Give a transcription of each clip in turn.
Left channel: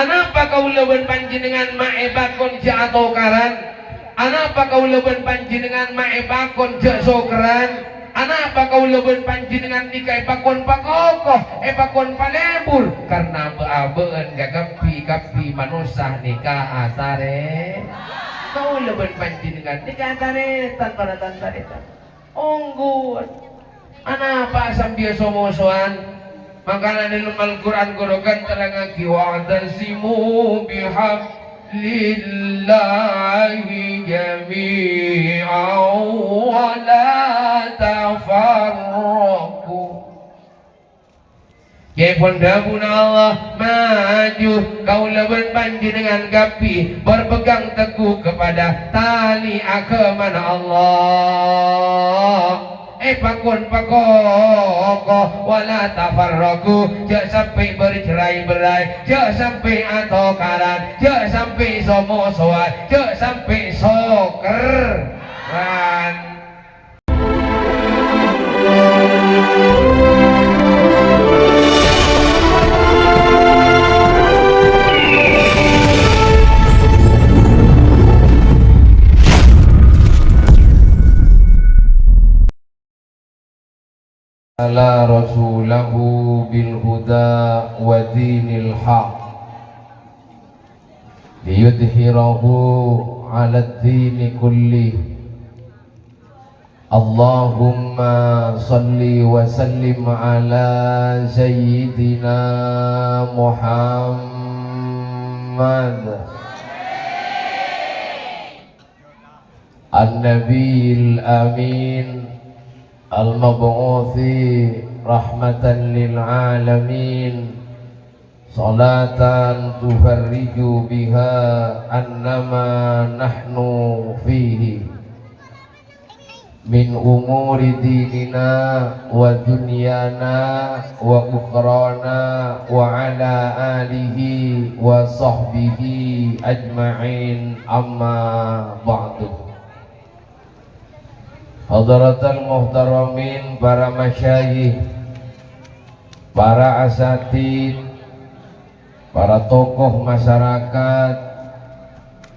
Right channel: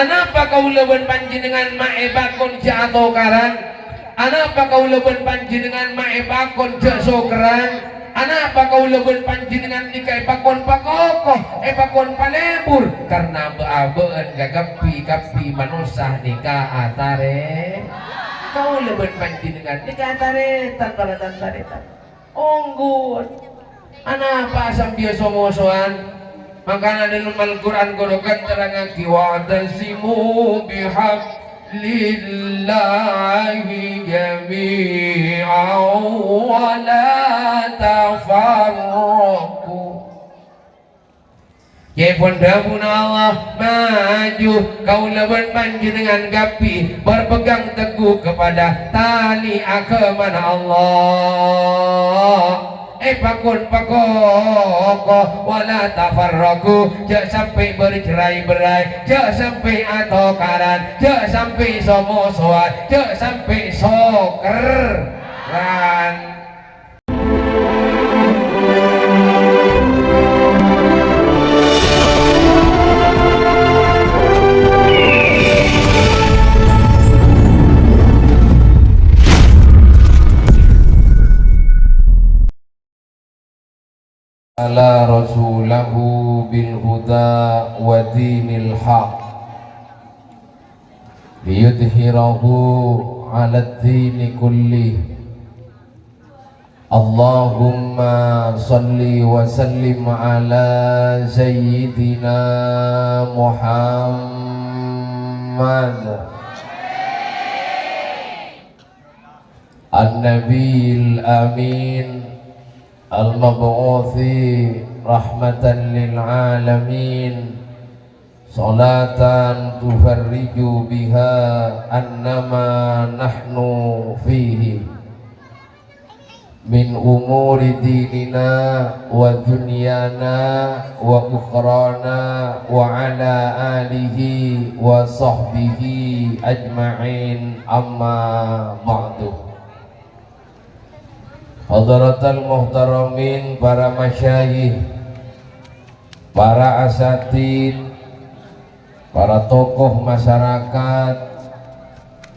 Anapa kaulaban panjenengan maebakon jatuh karan? Anapa kaulaban panjenengan maebakon jasokran? Anapa kaulaban panjenengan nikah epakon pakokoh, epakon palebur? Karena beabeun gagapi-gapi manusia nikah atare. Kaulaban panjenengan nikah atare tanpa taretan. Onggun. Anapa asam dia somosoan? Makanya dalam Al-Quran gorokan terangan wa tasimu bihablillahi jami'an wa la tafarraqu. Ya pondabun Allah maju kaulaban panjenengan gapi berpegang teguh kepada tali agama Allah. Pakun pakoko wala tafarraku, jangan sampai bercerai-berai, jangan sampai atokaran, jangan sampai somosoan, jangan sampai soker ran. Ala rasulahu bil huda wa dinil haq liyudhhirahu ala dini kulli. Allahumma salli wa sallim ala sayyidina Muhammad an-nabiyil amin al-mab'uthi rahmatan lil alamin, salatan tufarriju biha annama nahnu fihi min umuri dinina wa dunyana wa ukhrana wa ala alihi wa sahbihi ajma'in, amma ba'du. Hadratal muhtaramin, para masyayikh, para asatid, para tokoh masyarakat,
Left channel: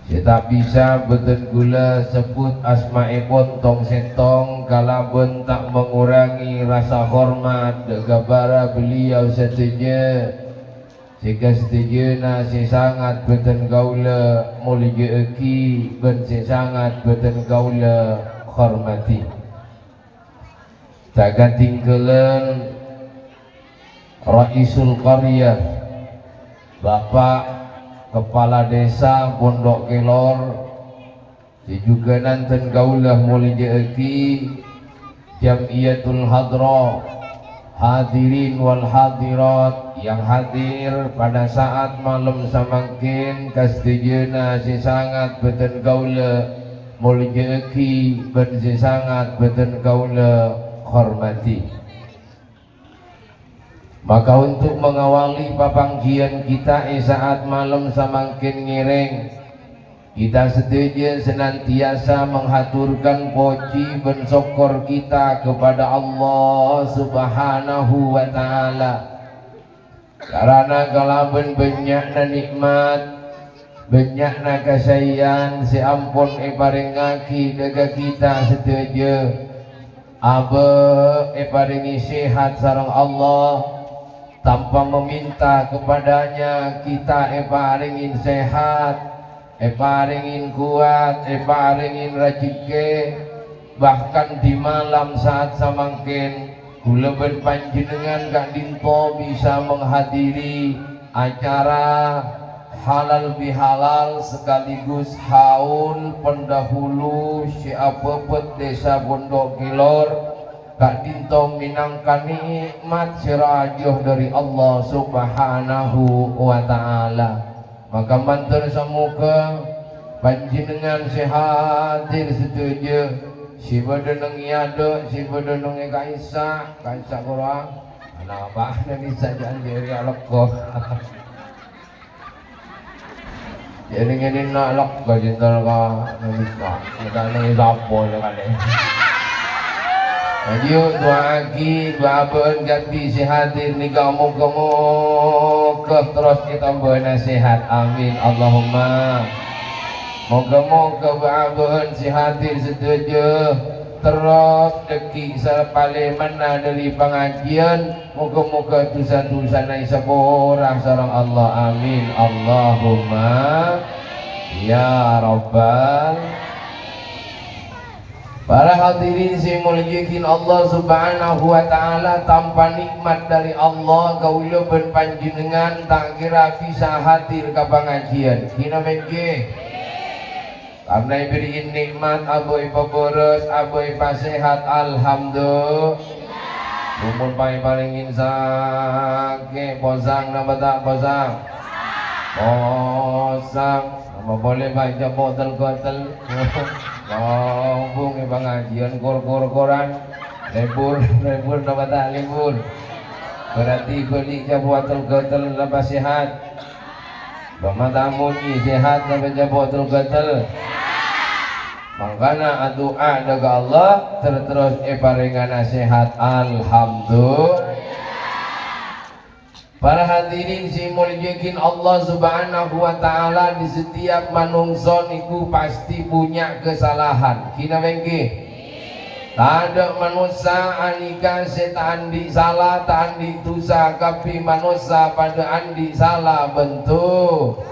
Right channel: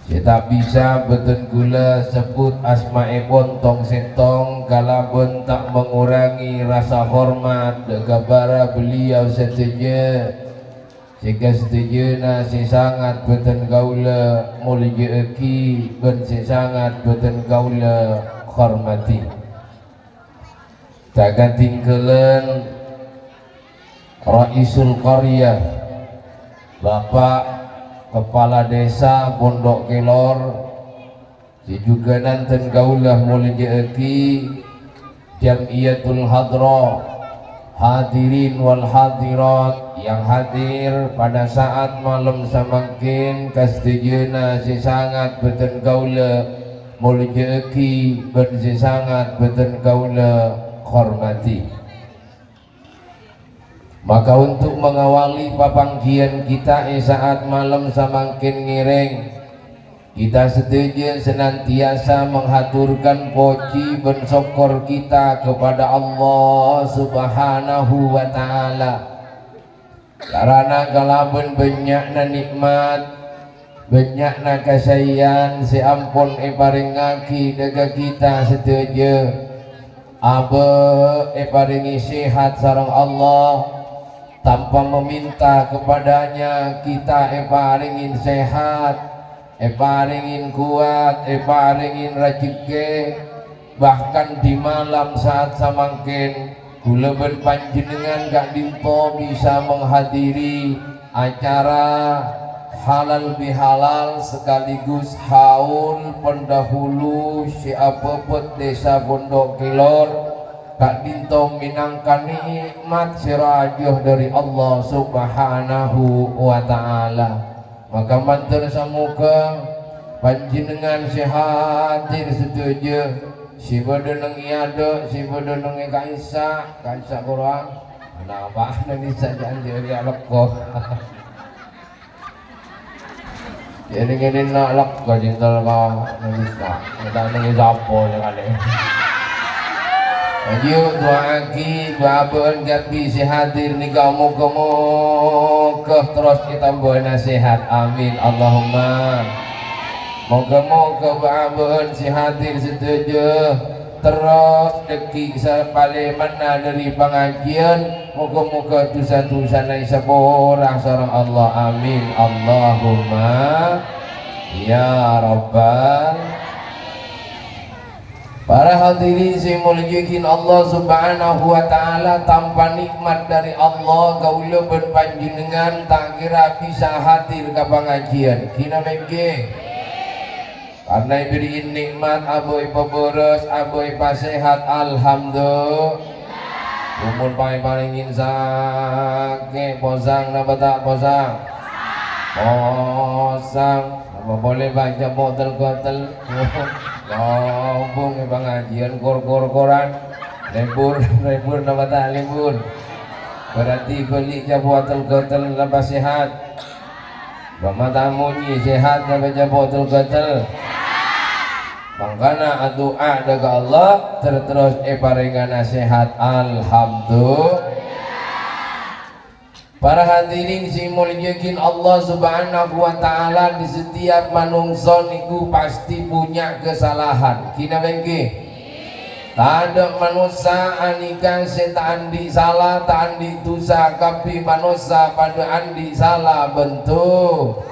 kita bisa beten gula sebut asma'ipun tong sentong kalaupun tak mengurangi rasa hormat degabara beliau setuju jika setuju nasi sangat beten gaula mulia eki ben sangat beten gaula hormati. Takkan tinggalan Raisul Qaryah, Bapak Kepala Desa Pondok Kelor, si juga nanten gaulah mulia eki Jamiyatul Hadra, hadirin wal hadirat yang hadir pada saat malam samangkin kastijena si sangat beten gaula mulia eki ben si sangat beten gaula hormati. Maka untuk mengawali papanggian kita saat malam semakin ngiring, kita setuju senantiasa menghaturkan puji dan syukur kita kepada Allah Subhanahu wa Ta'ala. Karena kalaupun banyakna nikmat, banyakna kasayan, si ampun iparingaki daga kita setuju abe iparingi sehat sareng Allah tanpa meminta kepadanya, kita paringin sehat, paringin kuat, paringin rezeki. Bahkan di malam saat samangkin kula panjenengan gak dinto bisa menghadiri acara halal bihalal sekaligus haul pendahulu Syabebet Desa Pondok Kelor. Kak Dintong minangkan nikmat sirajuh dari Allah Subhanahu wa Ta'ala. Maka mantur semoga panjenengan sehatir setuju si bedeneng iado si bedeneng kaisa kurang kenapa nanti saja jadi aloko jadi ini nak aloko jintal ka nanti kita ini zapo jangan ayo doa aki babon gapi si hadir ni kamu moga terus kita bernasihat, amin Allahumma. Moga-moga ba'abahan si hadir setuju terus deki sepale mana dari pengajian. Moga-moga dosa-dosa nai seborang sareng Allah, amin Allahumma ya rabbal. Para hadirin saya muliakan Allah subhanahu wa ta'ala, tanpa nikmat dari Allah kaula berpanjenengan tak kira bisa hadir ke pengajian kina bengke. Karena diberi nikmat aboy peberes aboy pasehat alhamdulillah. Umur paling sakit posang napa tak posang? Posang. Apa boleh baca botol-botol? Ngomong di pengajian kor-koran. Libur napa tak libur? Berarti beli ke botol-botol lepas sehat. Bama tamu ni sehat napa baca botol-botol? Makanya doa daga Allah terus paringan nasihat alhamdulillah. Para hadirin si muliakan Allah subhanahu wa ta'ala, di setiap manungsa niku pasti punya kesalahan kina bengke. Tak ada manusia anika setan andi salah tak andi dosa, tapi manusia pada andi salah bentuk.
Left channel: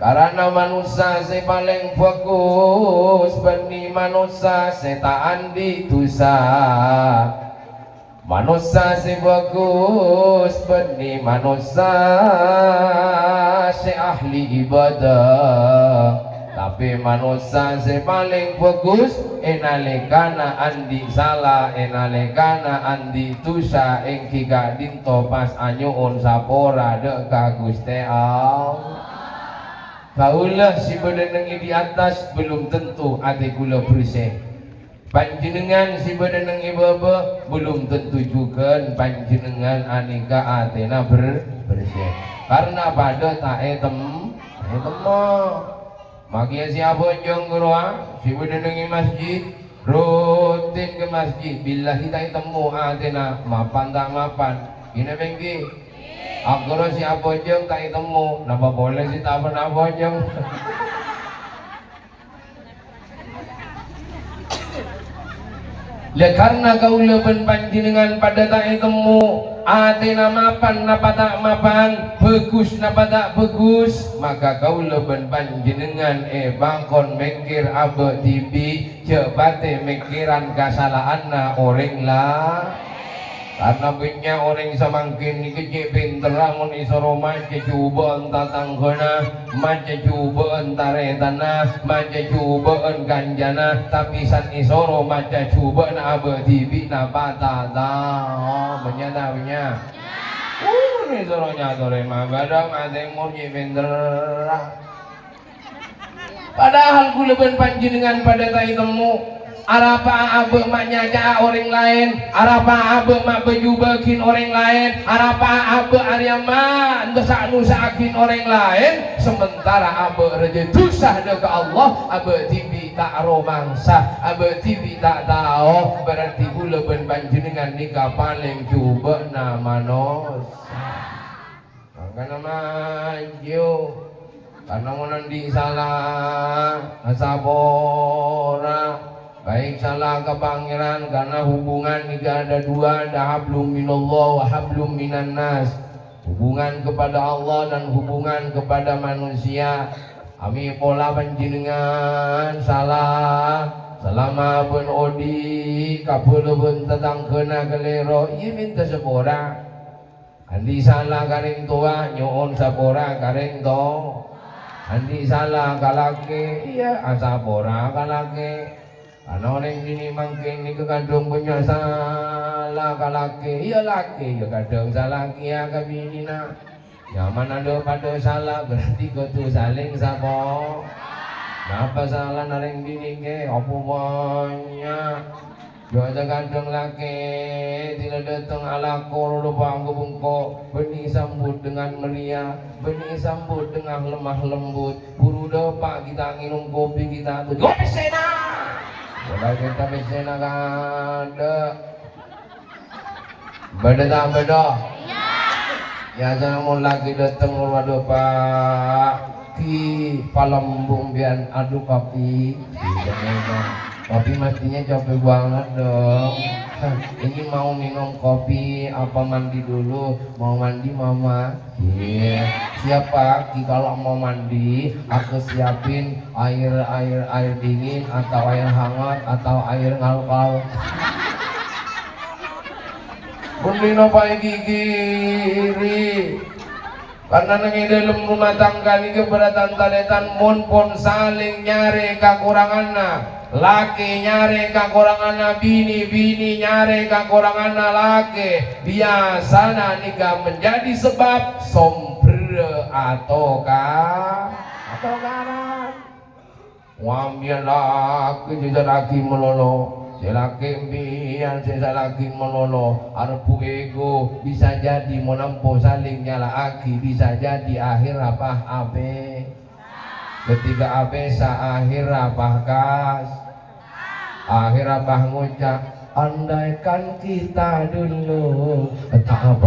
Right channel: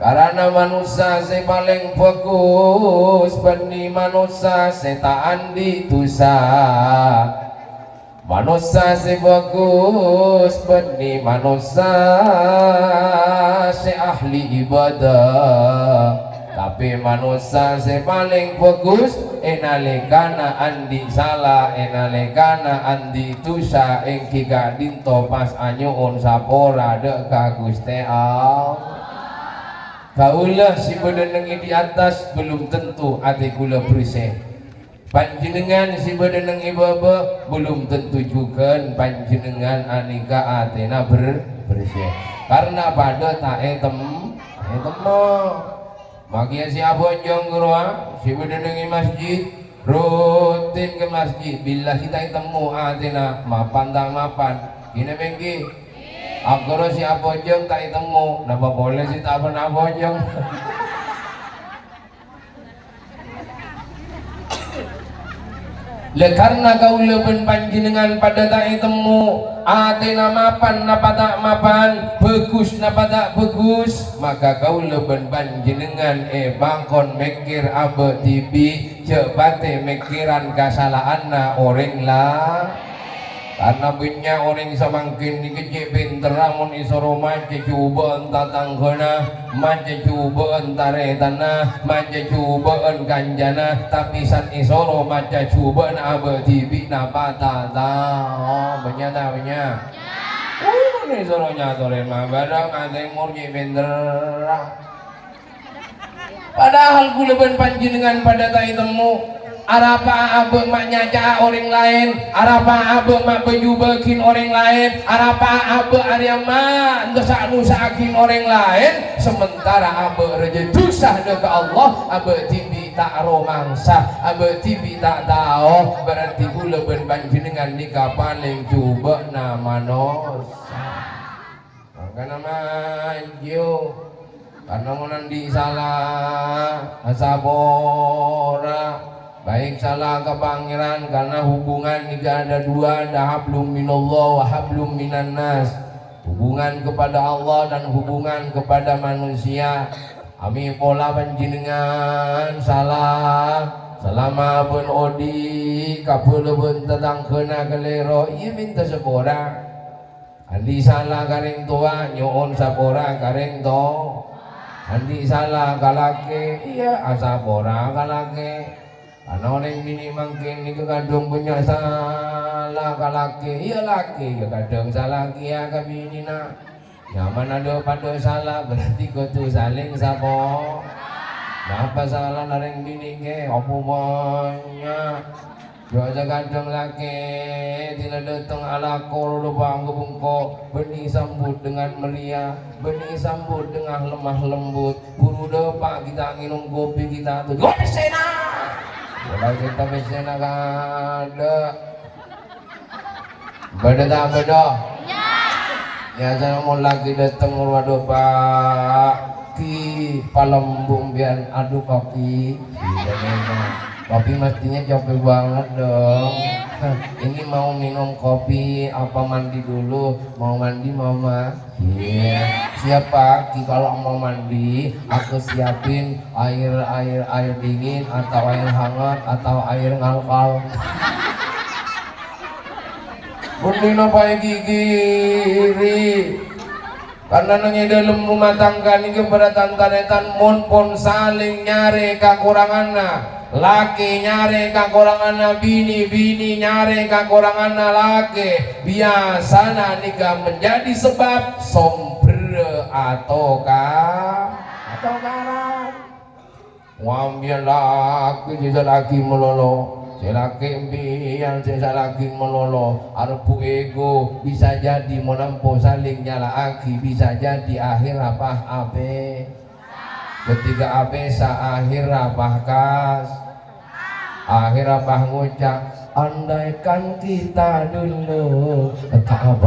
Karena manusia se paling bagus bani manusia setaan di dosa. Manusia se bagus bani manusia se ahli ibadah. Tapi manusia se paling bagus enalikana andi salah enalikana andi dosa engki gak dinto pas anyuun sapora dek ka Gusti Allah. Kaulah si badanang di atas belum tentu hati kula bersih. Panjenengan si badanang ibaba belum tentu juga panjenengan anika atena bersih. Karena pada tak temu. Makia si abonjong gurua si badanang masjid rutin ke masjid. Bila kita temu atena mapan tak mapan. Kina bengki. Aku si abojong tak temu, napa boleh si tak pernah abojong? Ya karena kau leben panjenengan pada tak temu, atena mapan napa tak mapan, bagus napa tak bagus, maka kau leben panjenengan bangkon mikir abe tibi, cepate mikiran kesalahan na orang lah. Karena punya orang samangkin ni kecik pinter lamun isoro maca cuba entah tanggana, maca cuba entare tanah, maca cuba kanjana, tapi san isoro maca cuba na abe tibi na patata. Benya tak benya? Isoro nyatorin mah badang adeng murji pinter. Padahal kuleban panjenengan pada tai temu. Arapa abe mak nyaca orang lain, arapa abe mak bejubakin orang lain, arapa abe ariama dosa nusakin orang lain, sementara abe rezeki dosa ke Allah, abe tibi tak romangsa, abe tibi tak tahu, berarti kula ben panjenengan nikah paling coba nama nos. Karena maju, karena menandi salah, asabora. Baik salah ke pangeran karena hubungan ini ada dua, ada hablum minallah wa hablum minan nas. Hubungan kepada Allah dan hubungan kepada manusia. Ami pola panjenengan salah selama ben odi kapul ben tetang kena kelero ieu minta sepora. Andi salah kareng tua nyoon sapora kareng to. Andi salah kalake iya asapora kalake. Karena orang ini mungkin ni kadang punya salah kalaki, iya laki kadang salah kia kabini na. Nyaman ada pada salah berarti kau tu saling sapo. Napa salah nareng bini ke? Apa banyak? Biasa kadang laki tidak datang ala kor bangku bengkok, benih sambut dengan meriah, benih sambut dengan lemah lembut. Buru depak kita minum kopi kita tu. Kopi sena. Kalau kita bisa nak ada, beda tak beda? Ya jangan mau lagi datang waduh Pak Ki Palembung biar aduh papi. Iya memang. Papi matinya capek banget dong. Nah, ini mau minum kopi apa mandi dulu? Mau mandi mama? Iya. Siapa Ki kalau mau mandi aku siapin air dingin atau air hangat atau air ngalkal. Kundi napai gigiri karena nangi dalam rumah tangga ni kepada tantanetan mun pun saling nyari kekuranganna laki nyari kekuranganna bini nyari kekuranganna laki biasana nika menjadi sebab sombre atau karan wambian laki jadi laki melolo selaki biar saya lagi melolo arpu ego bisa jadi menampo saling nyala aki bisa jadi akhir apa abe ketika abe sa akhir apa kas akhir apa ngucap andaikan kita dulu tak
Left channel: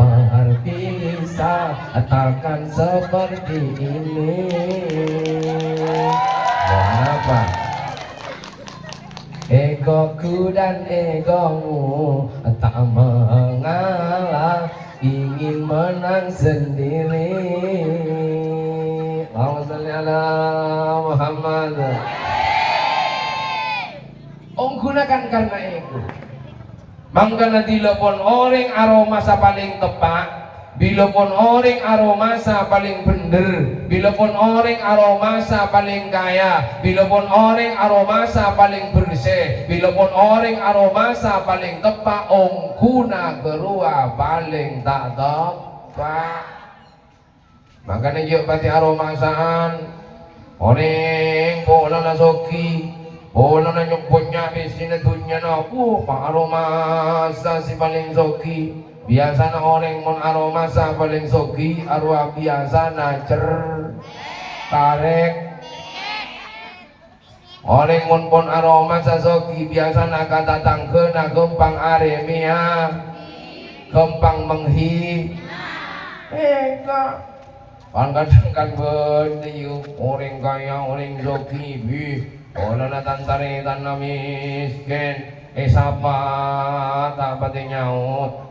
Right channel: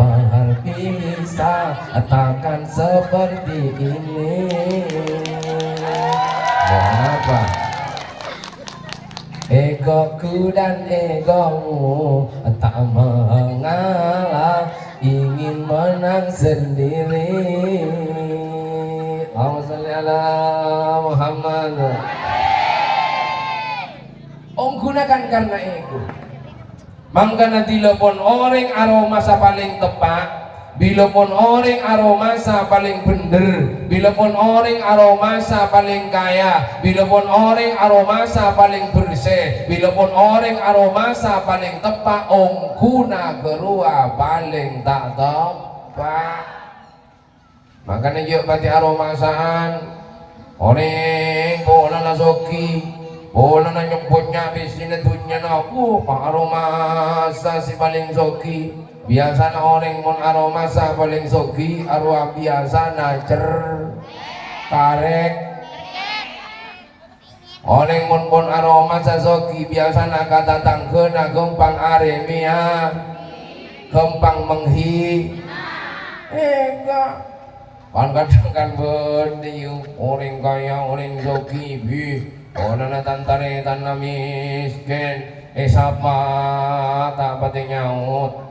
bisa takkan seperti ini kenapa egoku dan egomu tak mengalah ingin menang sendiri. Allahumma shalli ala Muhammad. Gunakan karena ego. Mangkana dilepon orang aroma sa paling tepat. Bila pun orang aromasa paling bener, bila pun orang aromasa paling kaya, bila pun orang aromasa paling bersih, bila pun orang aromasa paling tepat, ongkuna gerua paling tak tepat. Makanya yuk pati aromasaan, orang bola nasoki, bola na nyebutnya bisina dunia na, pak aromasa si paling soki. Biasa na orang mon aroma sa paling sogi arwah biasa na karek orang mon pon aroma sa sogi biasa na katatangke na gempang aremia gempang menghi eka kan kadang kan bende orang kaya orang sogi bi orang na tantare tan na miskin sapa tak pati nyaut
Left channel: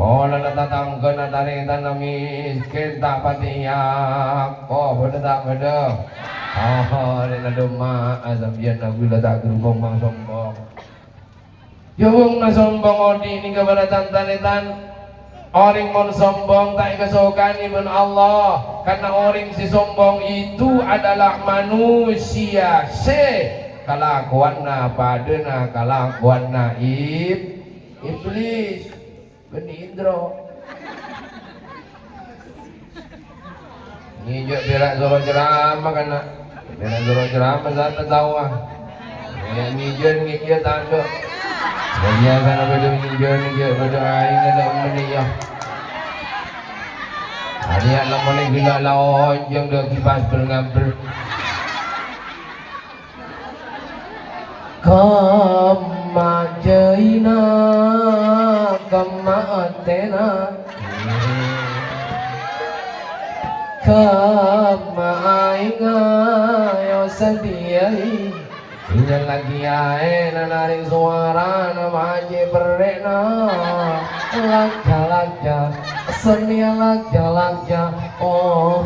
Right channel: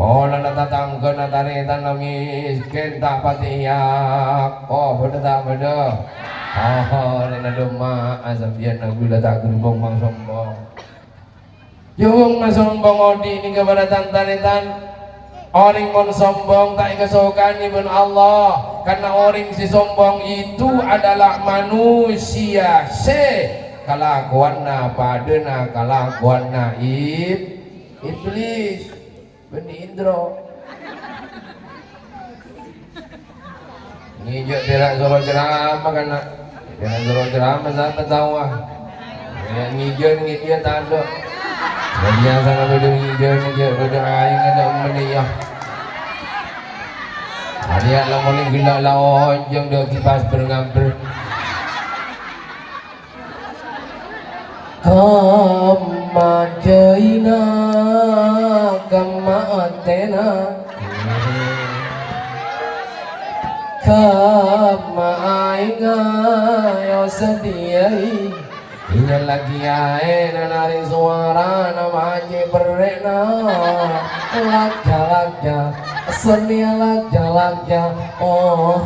Ola natatangga na taritan na miskin tak patiyak. Oh, beda tak beda. Oh, na duma asabian na gula tak gerbong bang sombong. Yung masombong odi ni kepada tantanitan. Orang mon sombong tak kesokan ibn Allah. Karena orang si sombong itu adalah manusia. Kalakuanna padena kalakuanna iblis. Benih Indro ini juga berak suruh ceramah kan nak berak suruh ceramah siapa tahu ah ini jen dia tanda biasa nak berdua jen dia berdua aing ada meniyah hari alam boleh gila lawan yang dah kipas berngambil kamajaina kamatena kamainga yo sediai ini lagi ae nari suara nama aje berena lagja seni lagja oh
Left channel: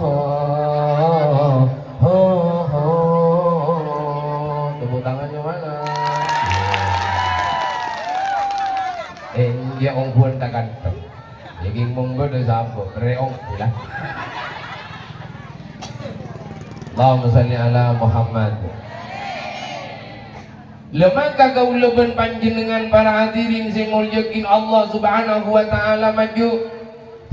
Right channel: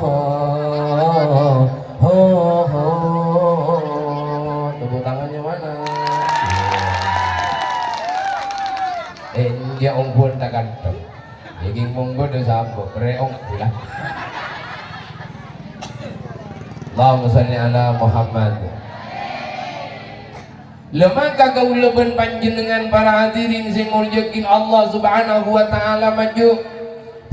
tepuk tangannya mana dia ongpul takkan jadi monggo dah sabo reong pula Allahumma shalli ala Muhammad. Lemaka gauleben panjenengan para hadirin sing mulyakin Allah Subhanahu wa taala maju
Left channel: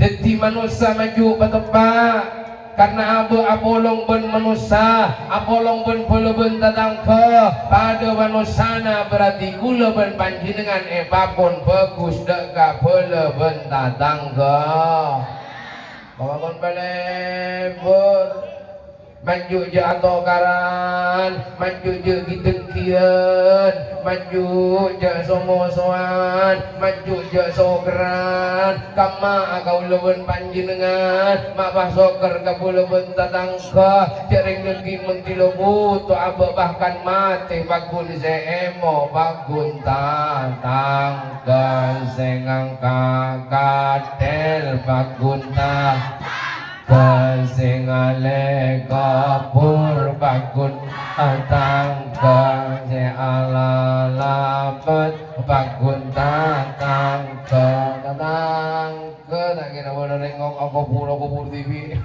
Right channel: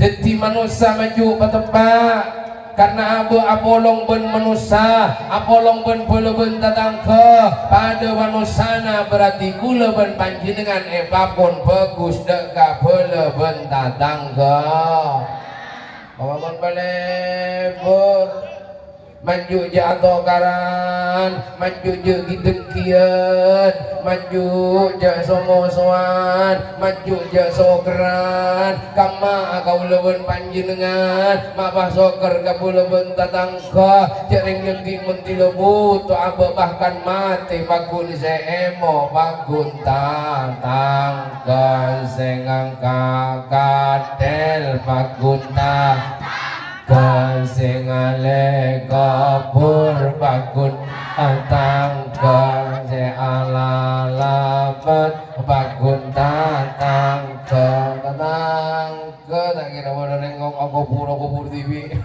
dadi manusia maju patebak karena apolong ben manusia apolong ben ben datang ke pada manusana berarti kula ben panjenengan pun bagus deka ben datang ke awakon balebur maju jatuh karang soan maju je gidengkian maju je somosoan maju je sogeran kama kau leben panjenengan mabah soker kau leben tatangka jaring legi menti lebu tu abe bahkan mati bagun seemo bagun tatangka sengang kakadel bagun kesingale kapur bakun tangka se ala lapet bakun tangka tak kira boleh nengok aku pura TV.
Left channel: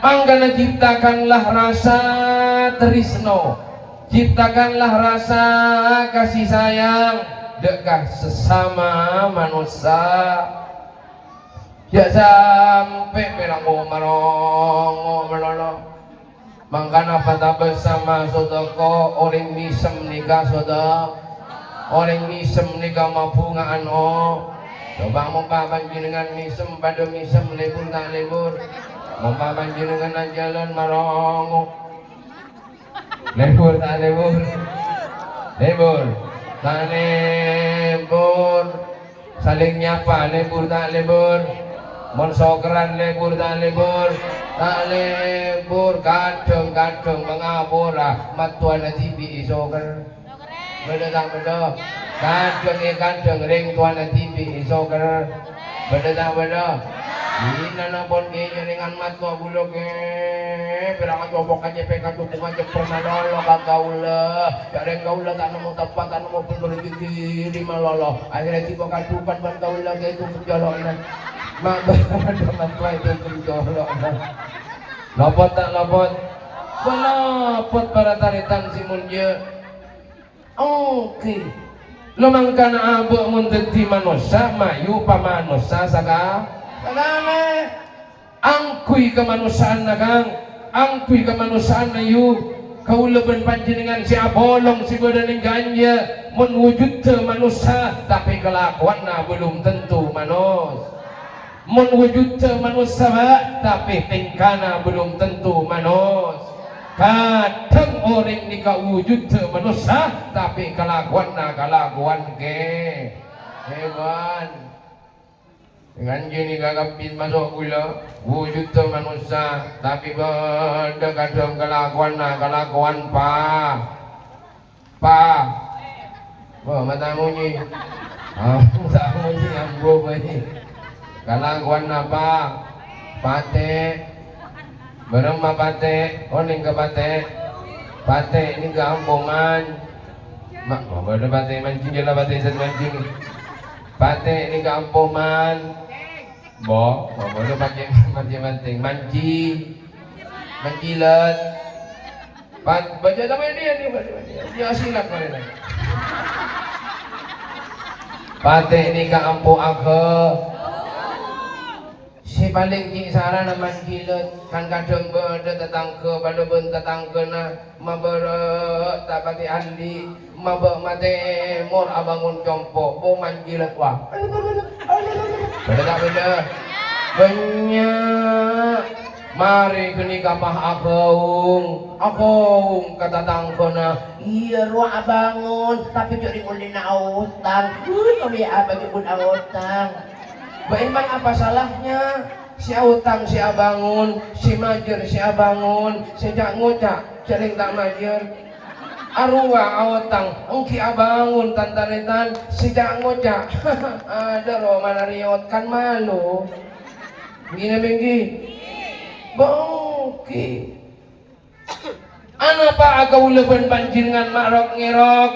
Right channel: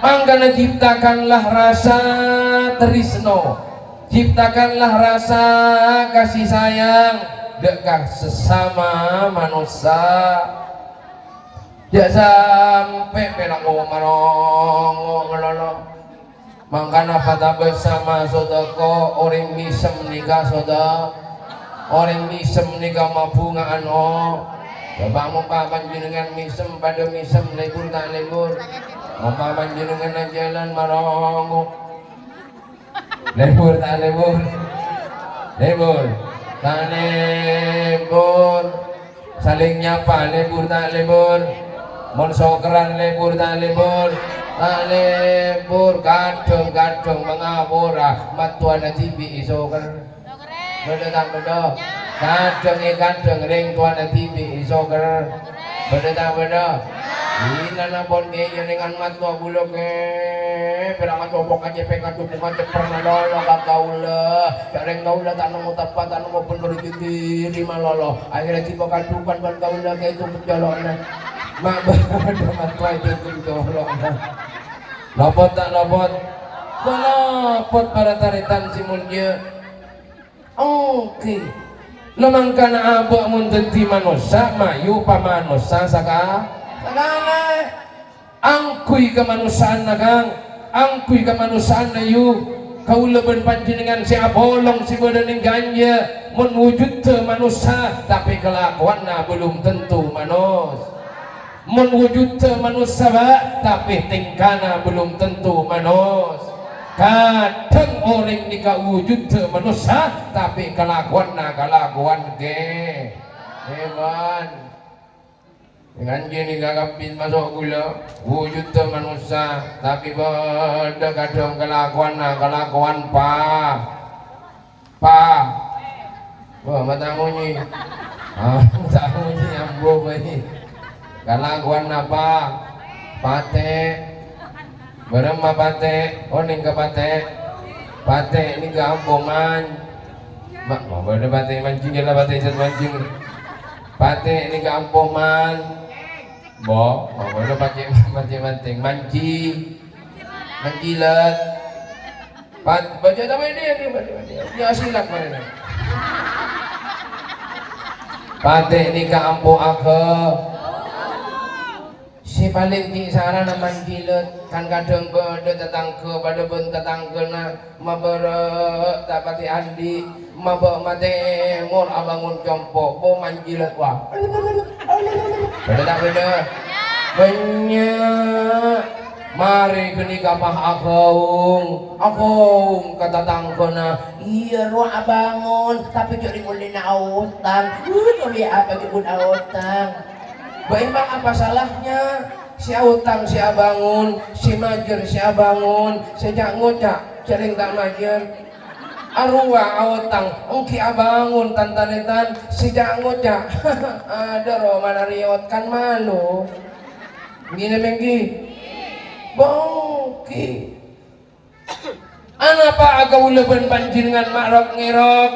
Mangkana ciptakanlah rasa trisno, ciptakanlah rasa kasih sayang dekat sesama manusia. Ya sampai perango marong melolo mangkana pada bersama sodako orang misem nikah soda orang misem nikah mabunga ano coba mumpah panjenengan misem pada misem lebur tak lebur mumpah panjenengan jalan marong lebur tak lebur lebur tak lebur saling nyapa lebur tak lebur mon sokeran lebur tak lebur kadung mengapura matuan TV soker beda tak beda kadung ring tuan TV soker beda tak beda ina na pon kaya dengan matua bulog pera matua bok aja peka tuh macam pernah lolo kaula jareng kaula tak nemu tepat tak nemu pun berjudi malolo akhirnya cipo kadupan ban kaula kayak itu jalan mak dengan tua itu jolok lopot tak lopot balopot para taritan si mulya oke lumangkana abak mundeti manusia mayu pamanusia saka sakane angkui kemanusiaan nagang angkui kemanusiaan ayu kau leben panjenengan si abolong si bodaning ganja menwujud ke manusia tapi kelakuanna belum tentu manus menwujud ke manusia tapi tingkana belum tentu manus kadang orang nikah wujud ke manusia tapi kelakuanna kelakuan ke hewan dengan jenis kakapin masuk gula wujud ke manusia tapi pada kadang kelakuan pa wah matamu ni matamu ni yang buah ni kelakuan apa pate berempat pate oning ke pate ini gampoman mak ada pate mancing jelah pate set mancing pate ini gampoman bo ada pakai mancing mancilat baca sama dia silat mana pate ini gampo aku si paling di sana naman kilot kan kadang berde tetangke pada ben tetangke na mabere tapati andi mabek mate mur abangun compo bo manjilat wah beda tak beda banyak mari kini kapah akong katatangke na iya ruang abangun tapi jadi mulai na awutang kami apa kibun awutang Baiman apa salahnya? Si Autang si Abangun, si Majer si Abangun, sejak ngucak sering tak Majer. Arwah Autang, engki Abangun tantanetan sejak ngucak. Ada roh mana riot kan malu. Gini bengki, bongki. Anapa agak uleban panjenengan marok ngerok?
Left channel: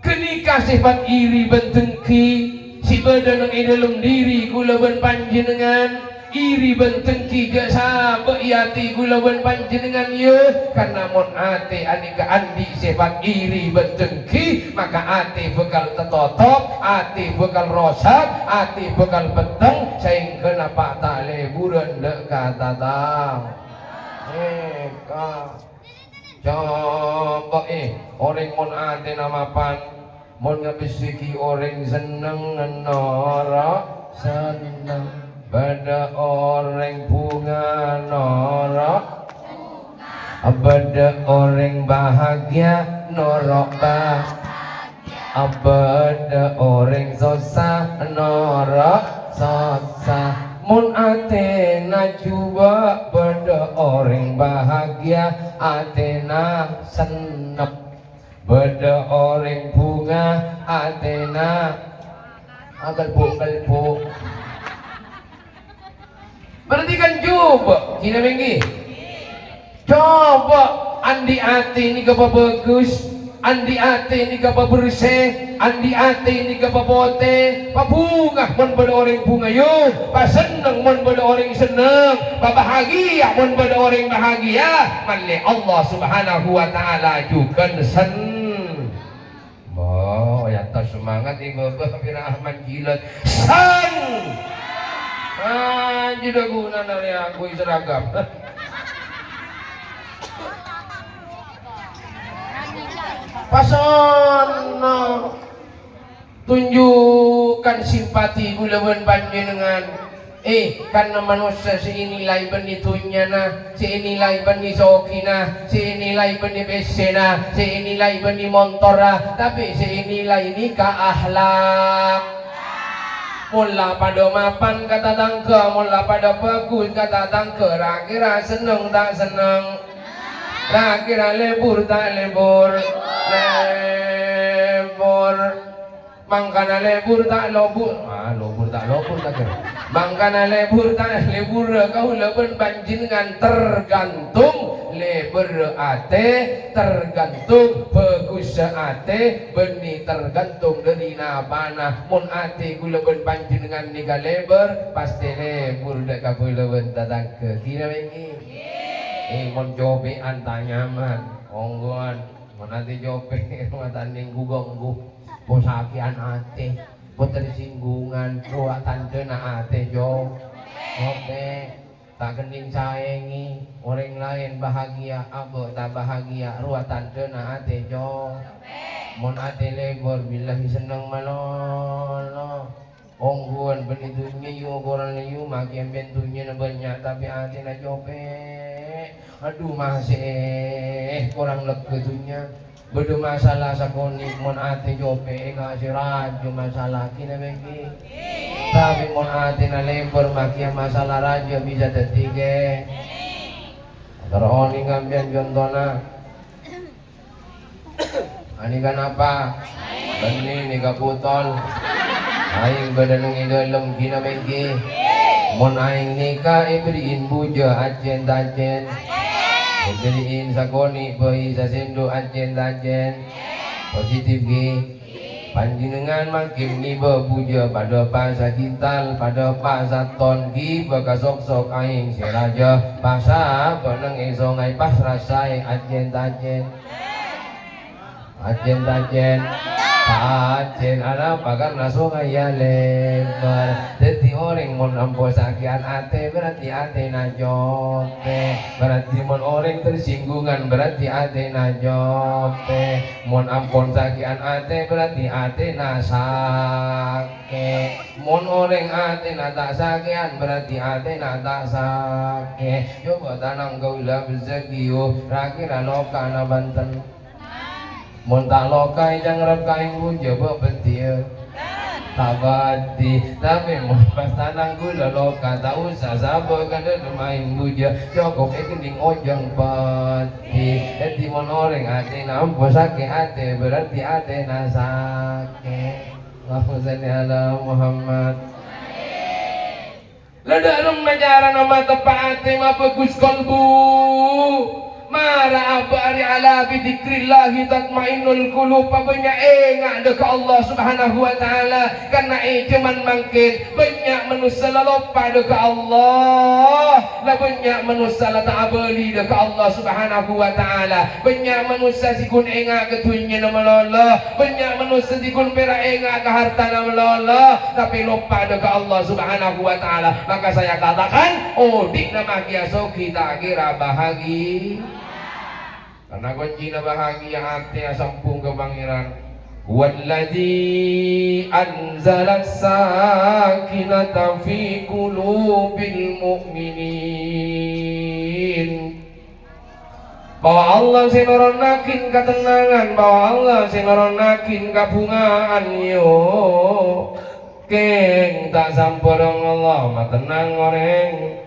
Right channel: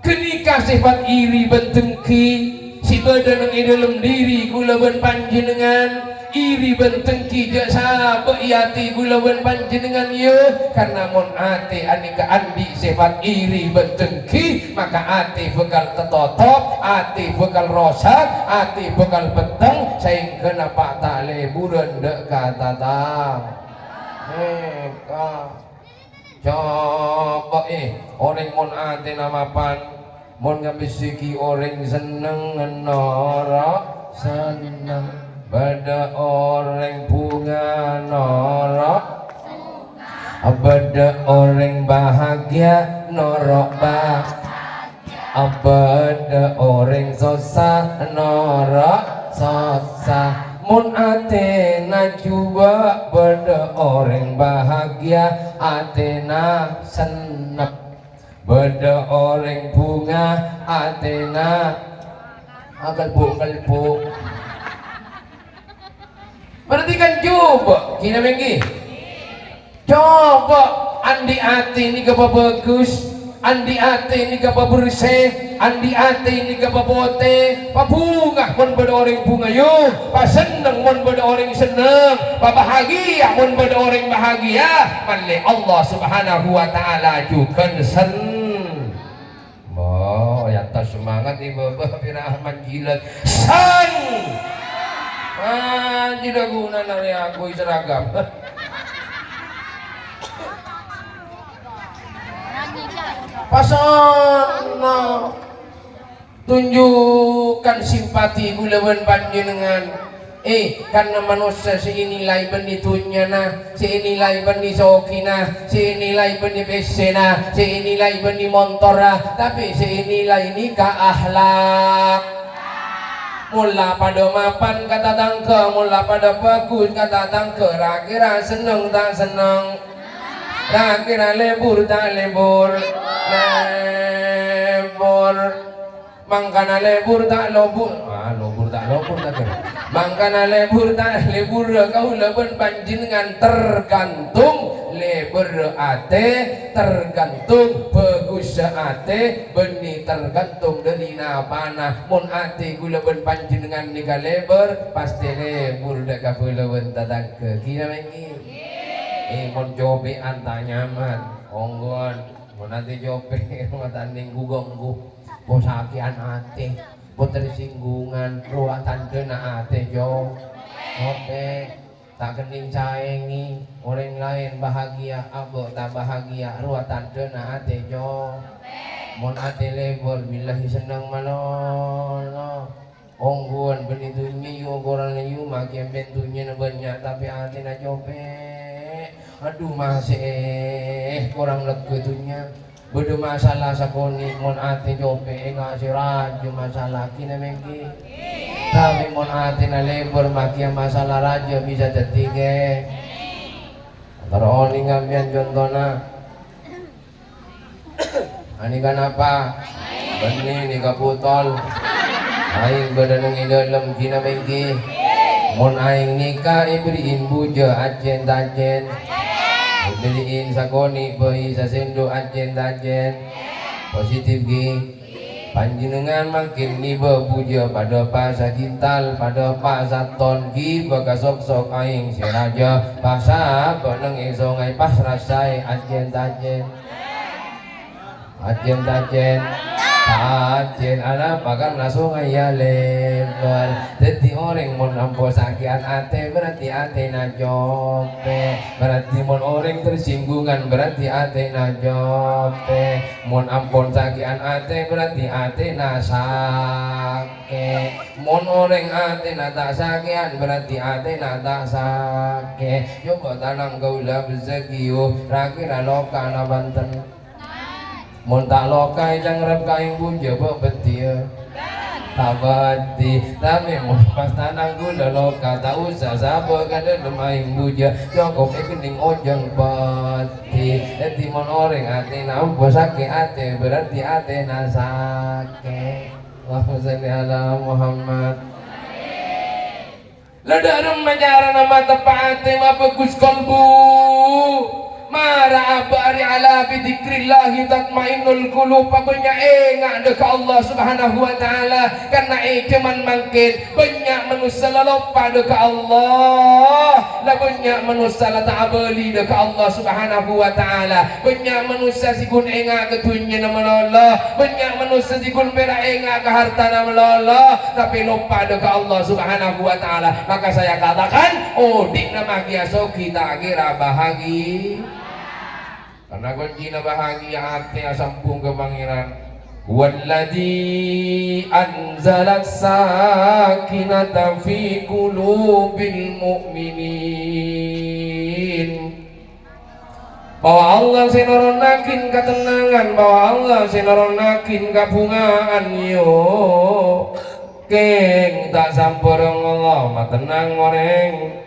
Kenikah sifat iri bentengki. Si badan yang dalam diri kulaban panjenengan iri bentengki jasa beiyati kulaban panjenengan ya karena mon ate anika andi sifat iri bentengki maka ate bekal tetotop ate bekal rosak ate bekal peteng sehingga kenapa tak leburan dek kata tang coba orang mon ate nama pan mon ngabisiki orang seneng norak seneng pada orang bunga norak Abada orang bahagia norok abada orang susah norok susah. Mun atena cuba beda orang bahagia atena senep, beda orang bunga atena kalbu. Berarti kan coba kina menggi coba andi ati ini kapa bagus, andi ati ini kapa bersih, andi ati ini kapa bote, pabunga mon pada orang bunga yo, paseneng mon pada orang seneng, pabahagia mon pada orang bahagia, malle Allah Subhanahu wa taala juga sen. Boh, ya tas semangat ibu Rahman jilat san. Tidak guna nari aku seragam. Pasono tunjukkan simpati gulawan panjenengan. Karena manusia seinilai benitunya nah, seinilai beni sokina, seinilai beni besena, seinilai beni montora, tapi seinilai ini ka akhlak. Mula pada mapan kata tangke, mula pada bagus kata tangke, kira seneng tak seneng, kira lebur tak lebur, lebur, mangkana lebur tak lebur, lebur tak kira, mangkana lebur tak lebur, kau lebur panjenengan tergantung. Leber ate tergantung, bagus ate benih tergantung dari napana. Mun ate gula ben panjenengan nika leber pasti lebur dak gula ben tatang ke kina mengi. Mun jobe antanya man onggon mun ate jobe matanding gugonggu posakian ate tersinggungan ruatan dena ate jo oke. Tak kening saengi orang lain bahagia, abo tak bahagia, ruatan dena ate jo. Mon ate lebor billahi seneng manono. Ongguan benitunya yu koran yu makin bentunya banyak tapi ate na jope. Aduh masih kurang legetunya. Beda masalah sakoni mon ate jope ngasih raja masalah kina mengki. Tapi mon ate na lembor makia masalah raja bisa tertiga. Teroni ngambian contohna. Ani kan apa? Beni ni kaputol. Aing badan ng dalam kina mengki. Mon aing nikah iberiin buja ajen tajen. Beliin sakoni bayi sasendo ajen positif gi panjenengan makin niba puja pada pasa kintal pada pasa ton gi baka sok aing si raja pasa beneng esongai pas rasai ajen ala pakan langsung ayah lebar. Jadi orang mon ampo sakian ate berarti ate na jope. Berarti mon orang tersinggungan berarti ate na jope. Mon ampon sakian ate berarti ate na sake. Mon orang ate na tak sakian berarti ate na tak sake. Coba tanang gaula bezekiyo rakira loka na Banten. Mun tak lokai jangrep kain buja bebetia tabati tapi mun pas tanang gula loka tak usah sabo kada demain buja cukup kening ojeng pati. Jadi mun orang ate nampo sake ate berarti ate na sake. Allahumma shalli ala Muhammad. Ladarung menyaran nama tepat tema bagus kolbu. Mara abari ala bidzikrillahi tatmainnul qulub. Banyak enggak deka Allah Subhanahu wa taala karena cuman mangkin banyak manusia lupa deka Allah. Lah banyak manusia ta'abali deka Allah Subhanahu wa taala. Banyak manusia sikun enggak ketunya nama Allah. Banyak manusia sikun pera enggak ke harta nama Allah tapi lupa deka Allah Subhanahu wa taala. Maka saya katakan dik nama kiaso kita kira bahagia. Karena kunci na bahagia ate asampung ke pangeran. Walladzi anzala sakinata fi qulubil mu'minin bahwa Allah sinoronakin ketenangan, bahwa Allah sinoronakin kabungaan yo keng tak samporong Allah matenang oreng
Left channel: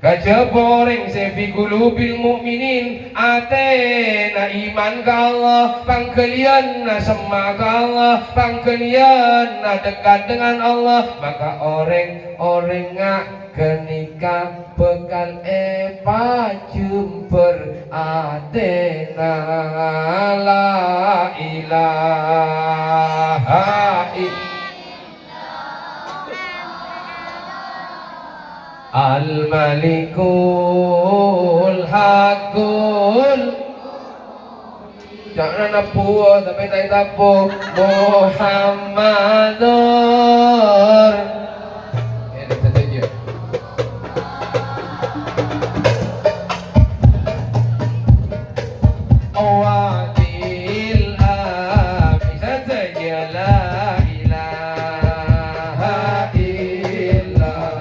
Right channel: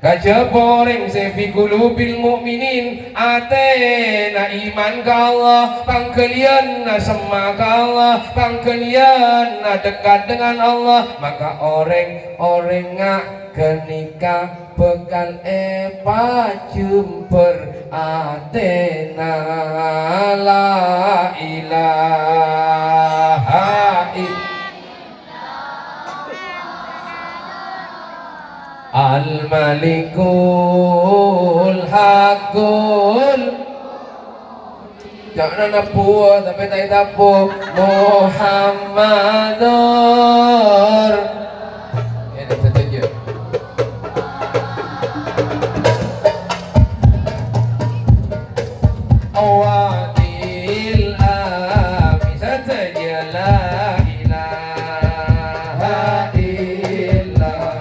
kajaba oreng sefi qulubil mukminin atena iman ka Allah pangkalian na sema ka Allah pangkalian na dekat dengan Allah maka oreng ngak kenika bekal jumper atena la ilaha illallah Al-Malikul Hakul jangan napuo tapi tak tapo Muhammadur ini setuju awadil abi saja la ilaha illallah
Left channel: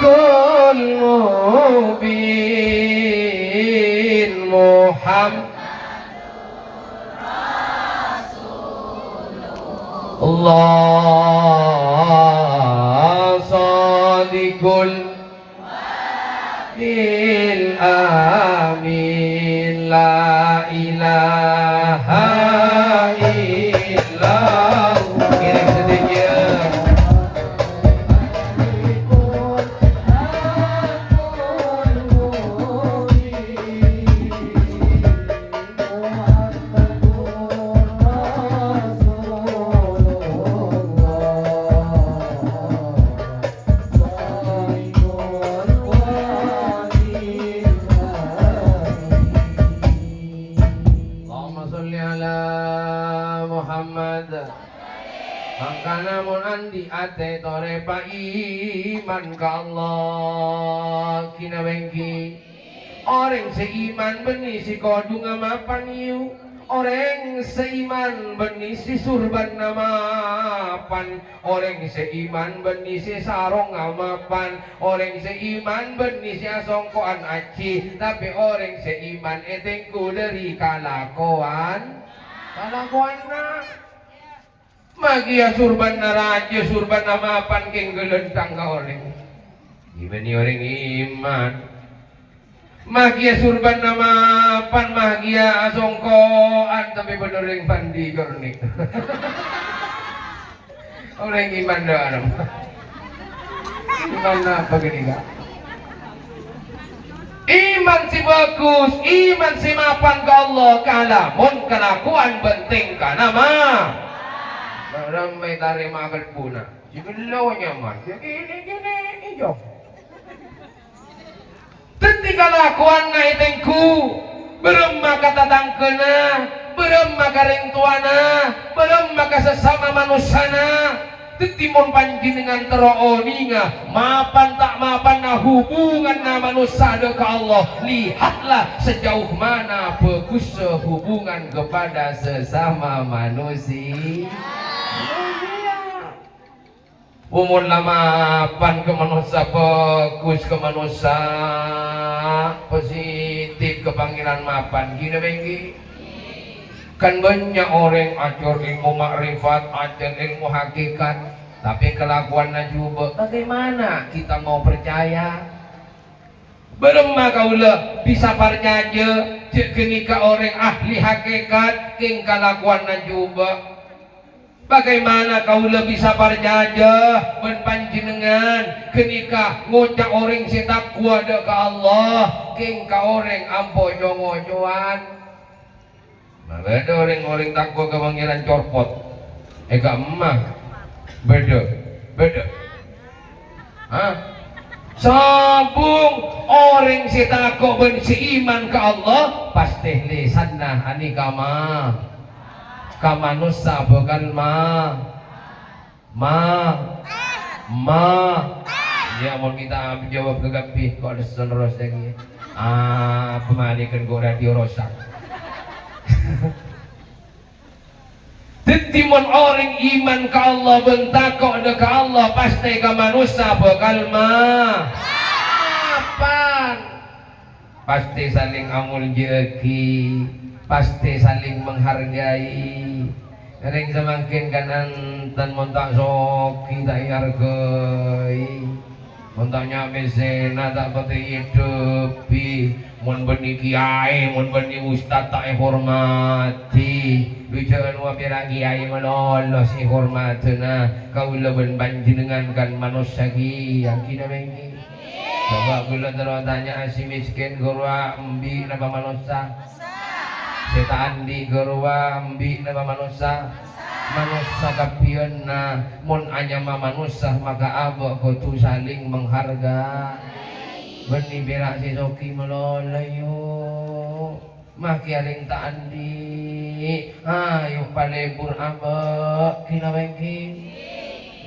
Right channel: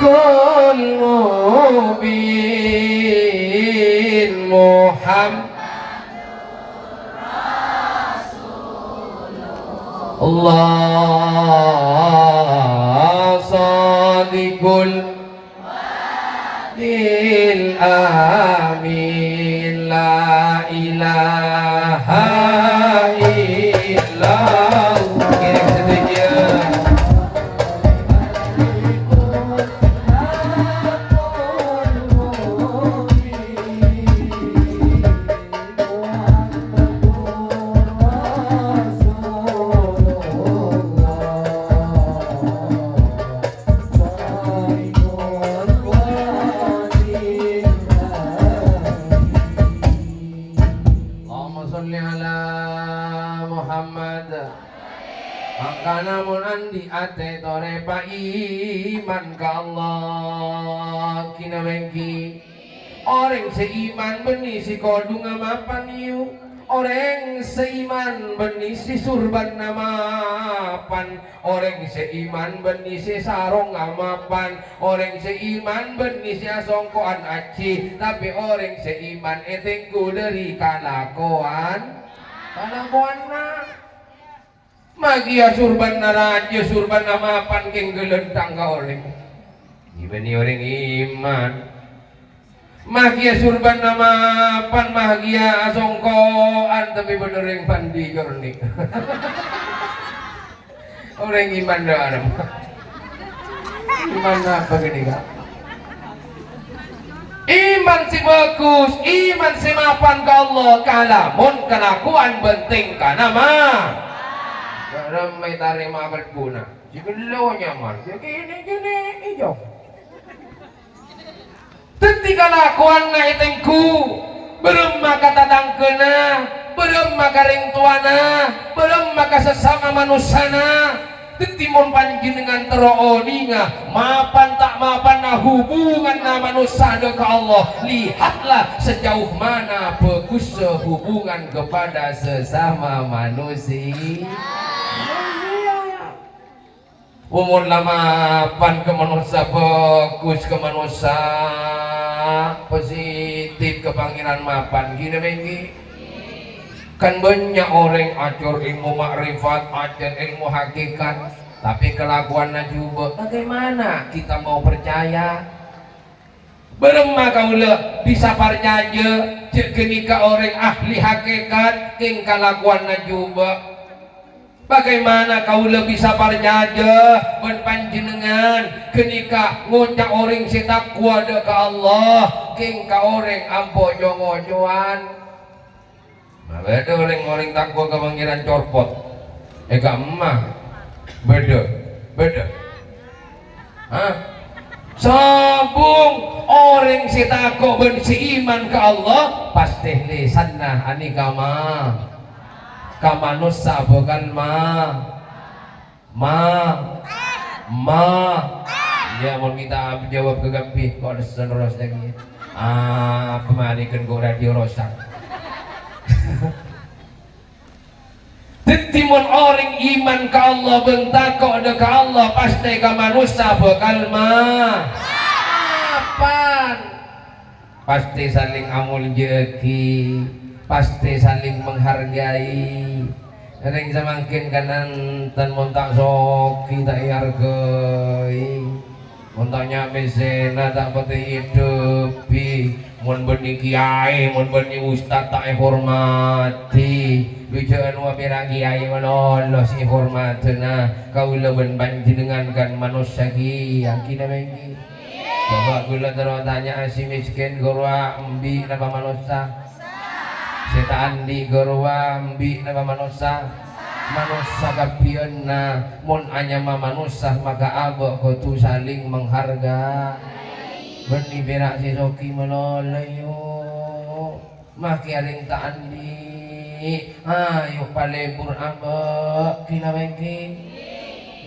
Kul mubin Muhammad Allah sadiqul lil amin la ilaha illallah kira setuju namun andi ate tore pa iman ka Allah kina bengki orang seiman benih si kodu ngamapan iu orang seiman benih si surban ngamapan orang seiman benih si sarong ngamapan orang seiman benih si asongkoan aci tapi orang seiman etengku dari kalakuan na magia surban naraja surban namapan keng gelentang ka orang gimana orang iman magia surban namapan magia asongkoan tapi bener yang pandi korni orang iman dah alam iman apa gini kak iman si bagus iman si mapan ka Allah kalamun kelakuan penting ka nama karena may tarim abal puna, sigulaw niya man, gini ijo. Tenti kalakuan na itengku, belum maka tatang kena, belum maka ringtuana, belum maka sesama manusana. Tenti mon panjenengan teroninga, mapan tak mapan na hubungan na manusia ke Allah. Lihatlah sejauh mana bagus hubungan kepada sesama manusia. Umur lamapan ke manusia bagus ke manusia positif ke pangeran mapan gini bengki kan banyak orang ajar ilmu makrifat ajar ilmu hakikat tapi kelakuannya juga bagaimana kita mau percaya beremah kaulah bisa percaya cek kenika orang ahli hakikat king kelakuannya juga bagaimana kau lebih sabar jaja menpanjenengan kenika ngocak orang setakwa ada ke Allah king ka orang ampo jongo-joan malah ada orang takwa ke pangeran corpot gak emah beda Hah? Sabung orang si takok ben si iman ke Allah pasti lisanna ani kama manusia bukan ma ya mau kita jawab ke gapih kok ada terus lagi kemarikan gue radio rosak. Tetimun orang iman ke Allah bentakok ada ke Allah pasti ke manusia bakal apaan pasti saling amul jeki pasti saling menghargai. Neng semakin kanan tan montak sok kita hargai montaknya mesena tak pati hidupi mun benih kiai mun benih ustad tak hormati bijaan wa pirang kiai melolos hormatna kaula ben panjenengan kan manusia ki yakin mengi coba kula terus tanya si miskin gurwa embi napa manusia setan di gerwa ambi nama manusia manusia kapion na mun anyama manusia maka abo kudu saling mengharga benih berak si soki melolayo maki aling taandi ayo palebur abo kina bengki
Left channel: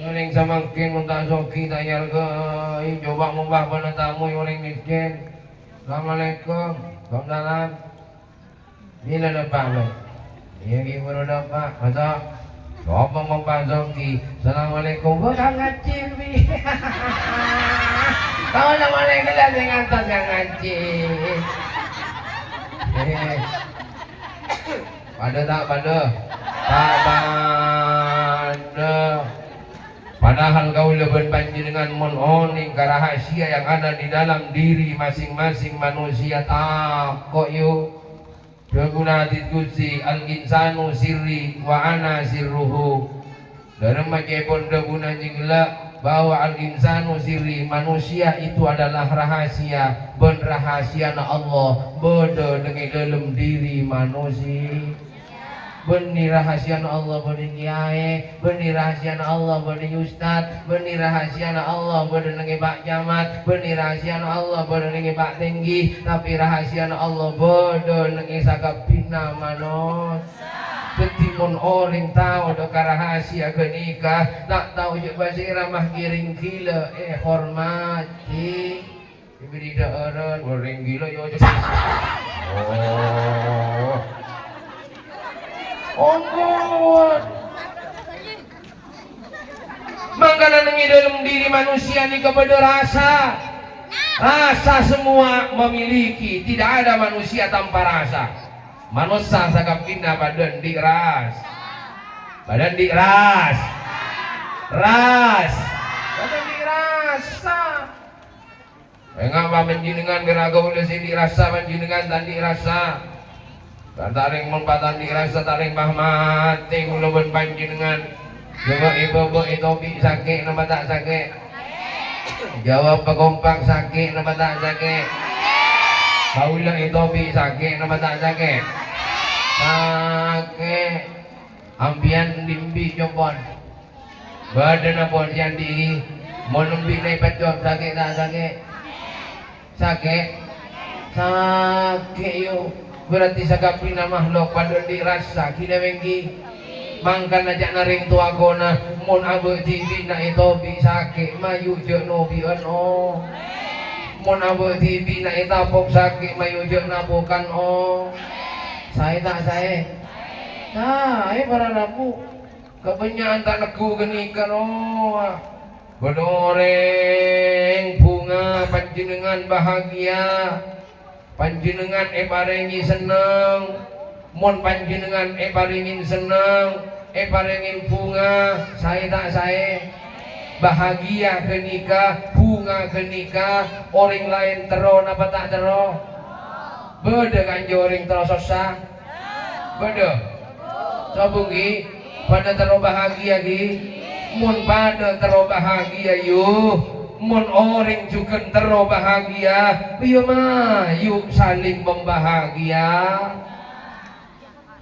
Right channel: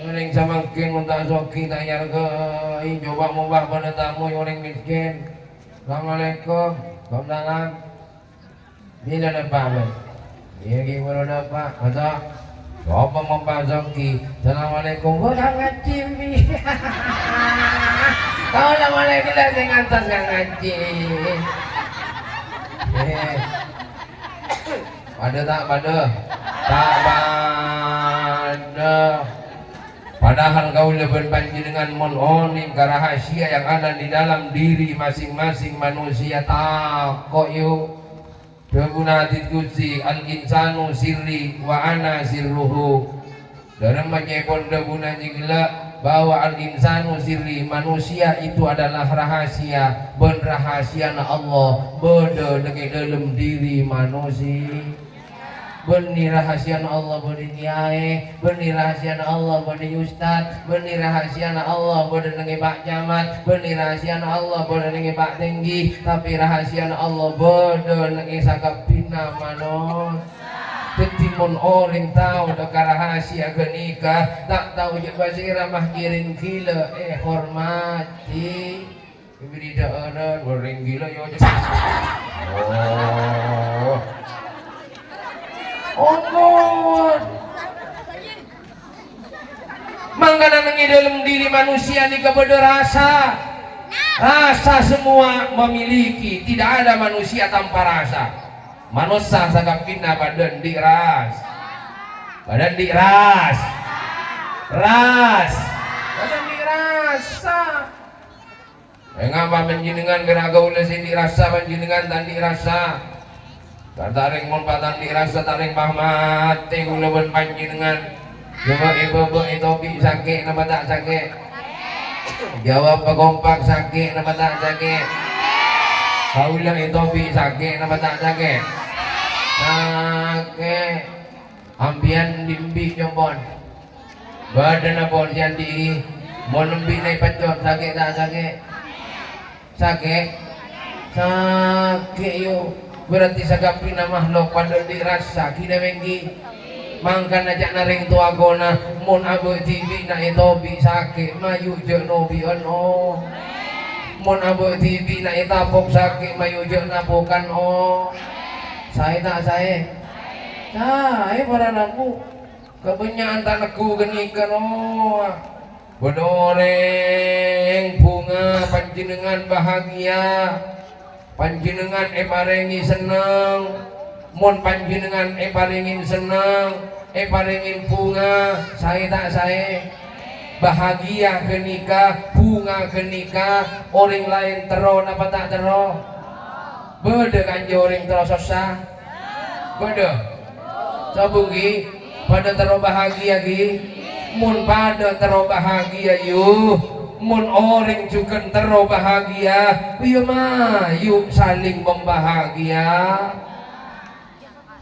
Yoling samangkin muntah soki tanyar gai coba mubah pada tamu yoling miskin. Assalamualaikum Waalaikumsalam. Nila na pa mo. Iyagi mo na pa. Mata. Sopa mo pa soki. Assalamualaikum. Wala nga chimbi. Kau na malay kila sa ngantas ka ngaji. Pada tak pada. Tak pada. Padahal kau lebih panjenengan mononing rahasia yang ada di dalam diri masing-masing manusia takut yuk. Berguna diskusi al-insanu sirri wa ana sirruhu. Dalam menyebut berguna jingla bahwa al-insanu sirri manusia itu adalah rahasia. Ben rahasia na Allah beda dengan dalam diri manusia. Benih rahasia Allah bodi kiai, benih rahasia Allah bodi ustad, benih rahasia Allah bodi nengi Pak Camat, benih rahasia Allah bodi nengi Pak Tinggi, tapi rahasia Allah bodi nengi sakapina manos. Ketimun orang tahu doka rahasia kenikah, tak tahu je basi ramah kiring gila, hormati. Beri daaran, goreng gila yo. Oh, mangkana nengi dalam diri manusia ini kepada rasa. Rasa semua memiliki, tidak ada manusia tanpa rasa. Manusia sakapina badan diras. Badan diras. Ras. Badan dirasa. Mengapa panjenengan beragau lesi dirasa panjenengan dan dirasa? Taring mumpatan dirasa taring pahmati kula ben panjenengan. Ibu itu sakit napa tak sakit? Jawab pagompak sakit napa tak sakit? Kaula itu sakit napa tak sakit? Sakit. Ambian dimbi jompon. Badan apa yang diri mau nembi naik pacot sakit tak sakit? Sakit. Sakit yo. Berarti sakapina makhluk pada dirasa kina mengki mangkan ajak naring tua gona mun abu TV na itu bisa sakit mayu je no bian oh mun abu TV na itapok sakit mayu je napokan oh saya tak saya para napu kebanyakan tak neku genikan oh bedoreng bunga panjenengan bahagia panjenengan paringi seneng mun panjenengan paringin seneng paringin bunga saya tak saya bahagia kenika bunga kenika orang lain tero apa tak tero beda kan orang tero susah beda sabungi pada tero bahagia gi mun pada tero bahagia yuk mun orang juga tero bahagia, iya mah, yuk saling membahagia.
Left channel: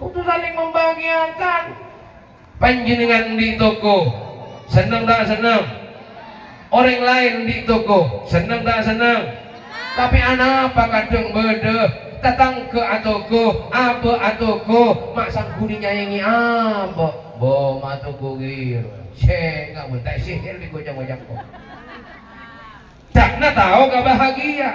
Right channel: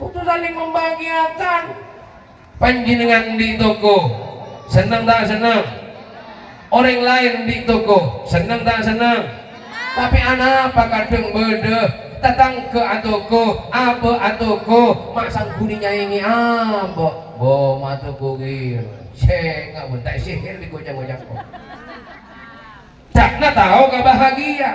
Putus saling membahagiakan. Panjenengan di toko, senang tak senang? orang lain di toko seneng tak seneng, tapi anak apa kadang beda datang ke atoko apa atoko mak sangkuni nyanyi apa bo matoko gir cek nggak boleh sihir di gojang-gojang cakna tahu gak bahagia.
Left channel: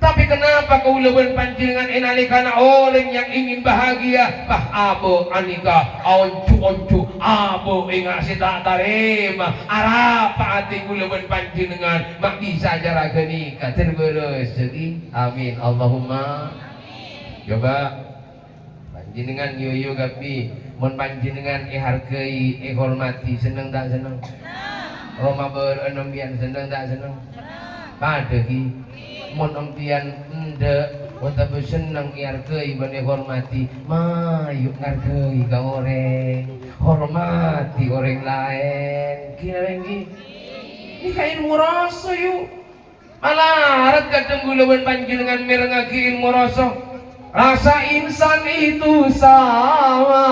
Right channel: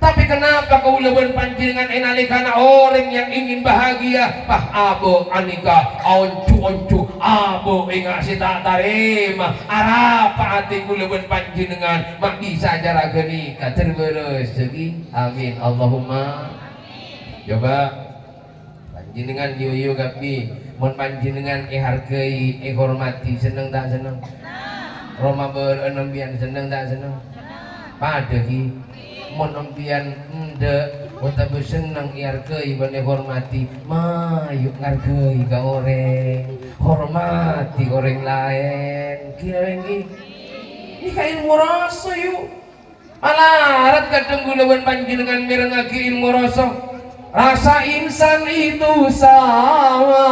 Tapi kenapa kau leban pancingan enalikana orang yang ingin bahagia pah abo anika oncu abo ingat si tak tarima arapa hati ku leban pancingan mak bisa jara genika terberes segi amin Allahumma. Coba pancingan yoyo gapi mun pancingan hargai hormati seneng tak seneng Roma berenembian seneng tak seneng pada ki mun empian ende wata seneng hargai bane hormati mayuk ngargai ka orang hormati orang lain kira lagi ini kain ngoroso yuk malah arat kadang gulaban panjenengan merengaki ilmu rasa rasa insan itu sama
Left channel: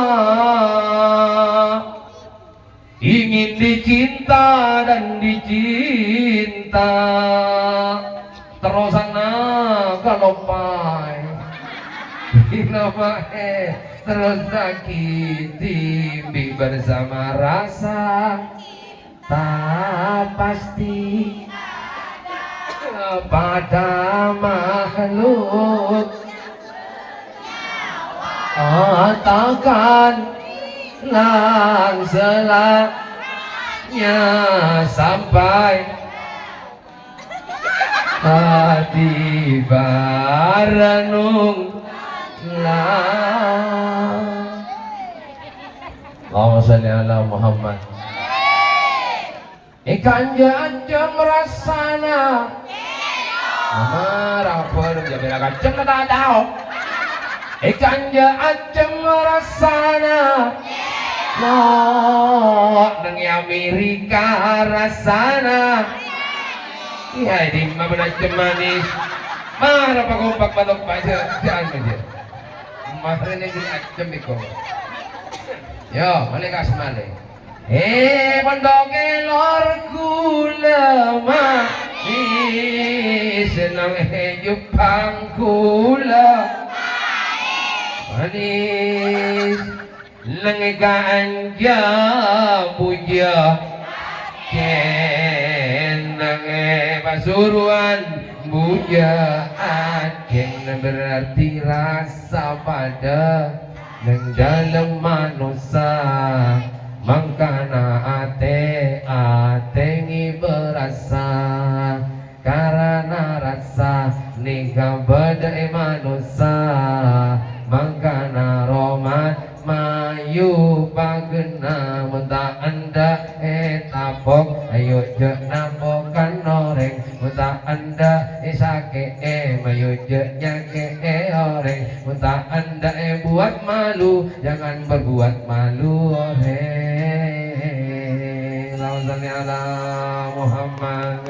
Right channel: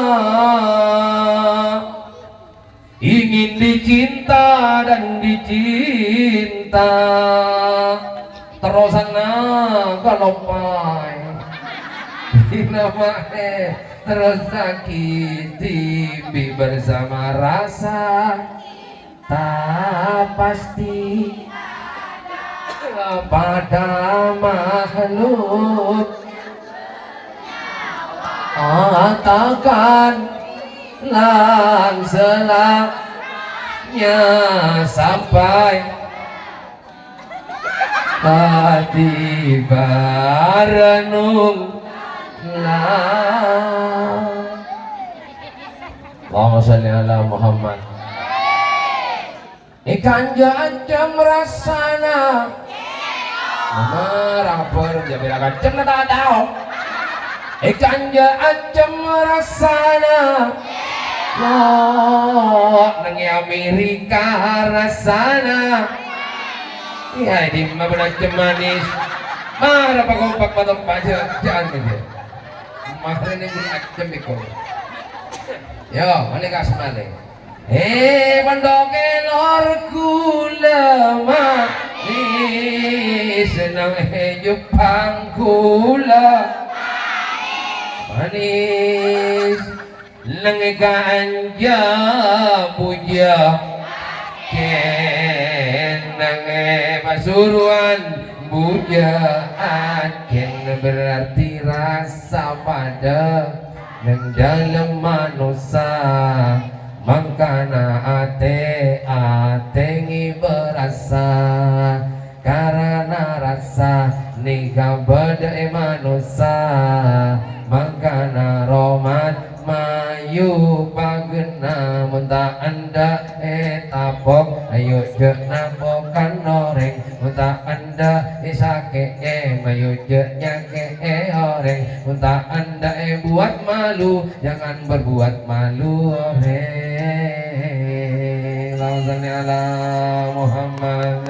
ingin dicinta dan dicinta terusana galopai nama terus sakiti bersama rasa tak pasti pada makhluk takkan lang selamanya sampai hati barenung Allahumma sholli ala Muhammad. Ikan jam rasana marah berjalan akan jam tak tahu ikan jam rasana nang Amerika rasana ya di 15 jam manis marah pak kompak patok pajak jangan aja marah ini jam ikut yo mana kas mana pandoke lor kula manis senang Jepang kula manis lengan puja kenang pasuruan bujaan ken berarti rasa pada nang dalam manusia mangkana ate ngi berasa karena rasa niga badai manusia mangkana roman mayu pagena mentah anda tapok ayo je napokan noreng mentah anda isake mayu je nyake oreng mentah anda buat malu jangan berbuat malu Allahumma ala Muhammad.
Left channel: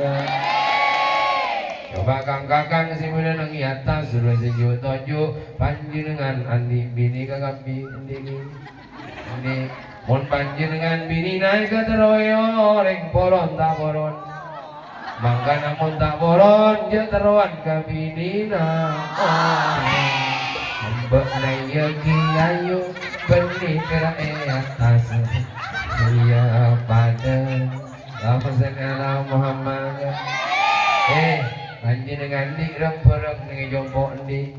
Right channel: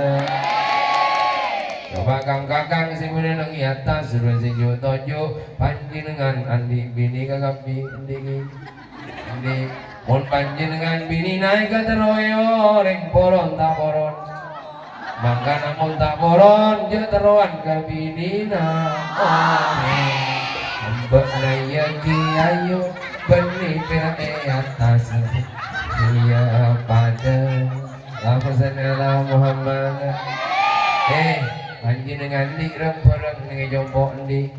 Coba kakang sing nang yata suruh sing tojo panjenengan andi bini kakak bini andi mon panjenengan bini naik ke teroyo reng poron tak poron mangka namun tak poron je teruan ke bini na ambek naya kiayu benih kira atas iya pada Allahumma Muhammad. Panjenengan di reng-reng nih jompok di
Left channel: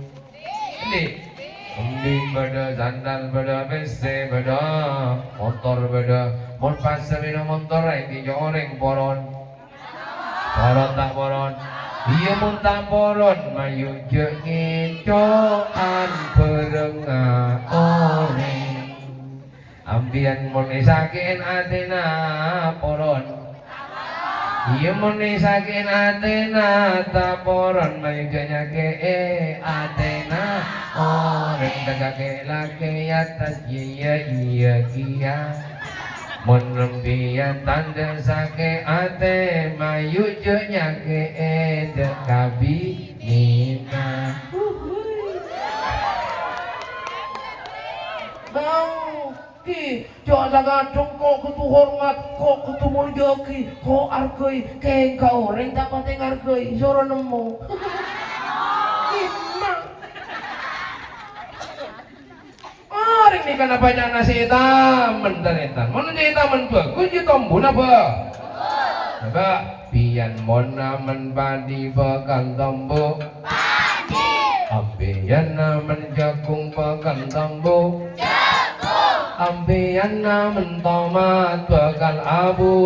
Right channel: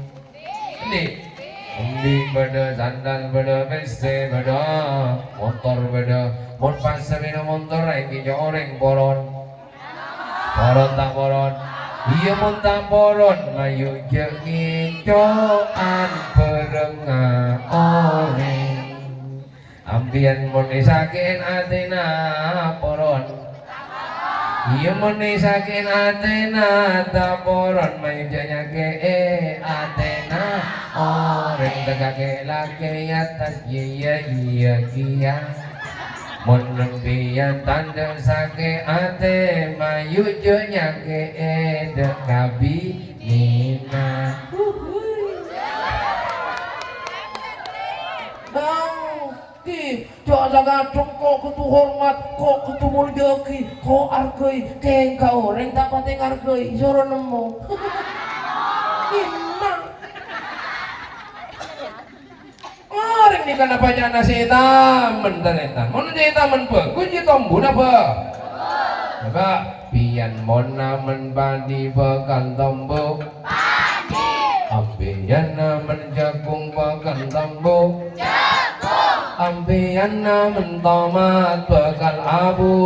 pada sandal pada bese pada motor pada mon pas sabina motor lagi joreng poron tak poron iya mon tak poron mayu jengin coan perengah oreng ambian mon isakin atena poron iya muni sakin Athena taporon mayujanya ke Athena orang tegake laki atas iya kia mon lempian tanda sake ate mayujanya ke dekabi nina bang ki jo jaga jongko kutu hormat ko kutu muljoki ko arkei keng kau reng tak pateng arkei soro nemu gimana orang ni kan apa jangan nasi taman dan etan mana jadi taman bagus jadi tombol apa apa pian mona menpadi bakan tombol ambian namen jagung bakal tambu ambian namen tomat bakal abu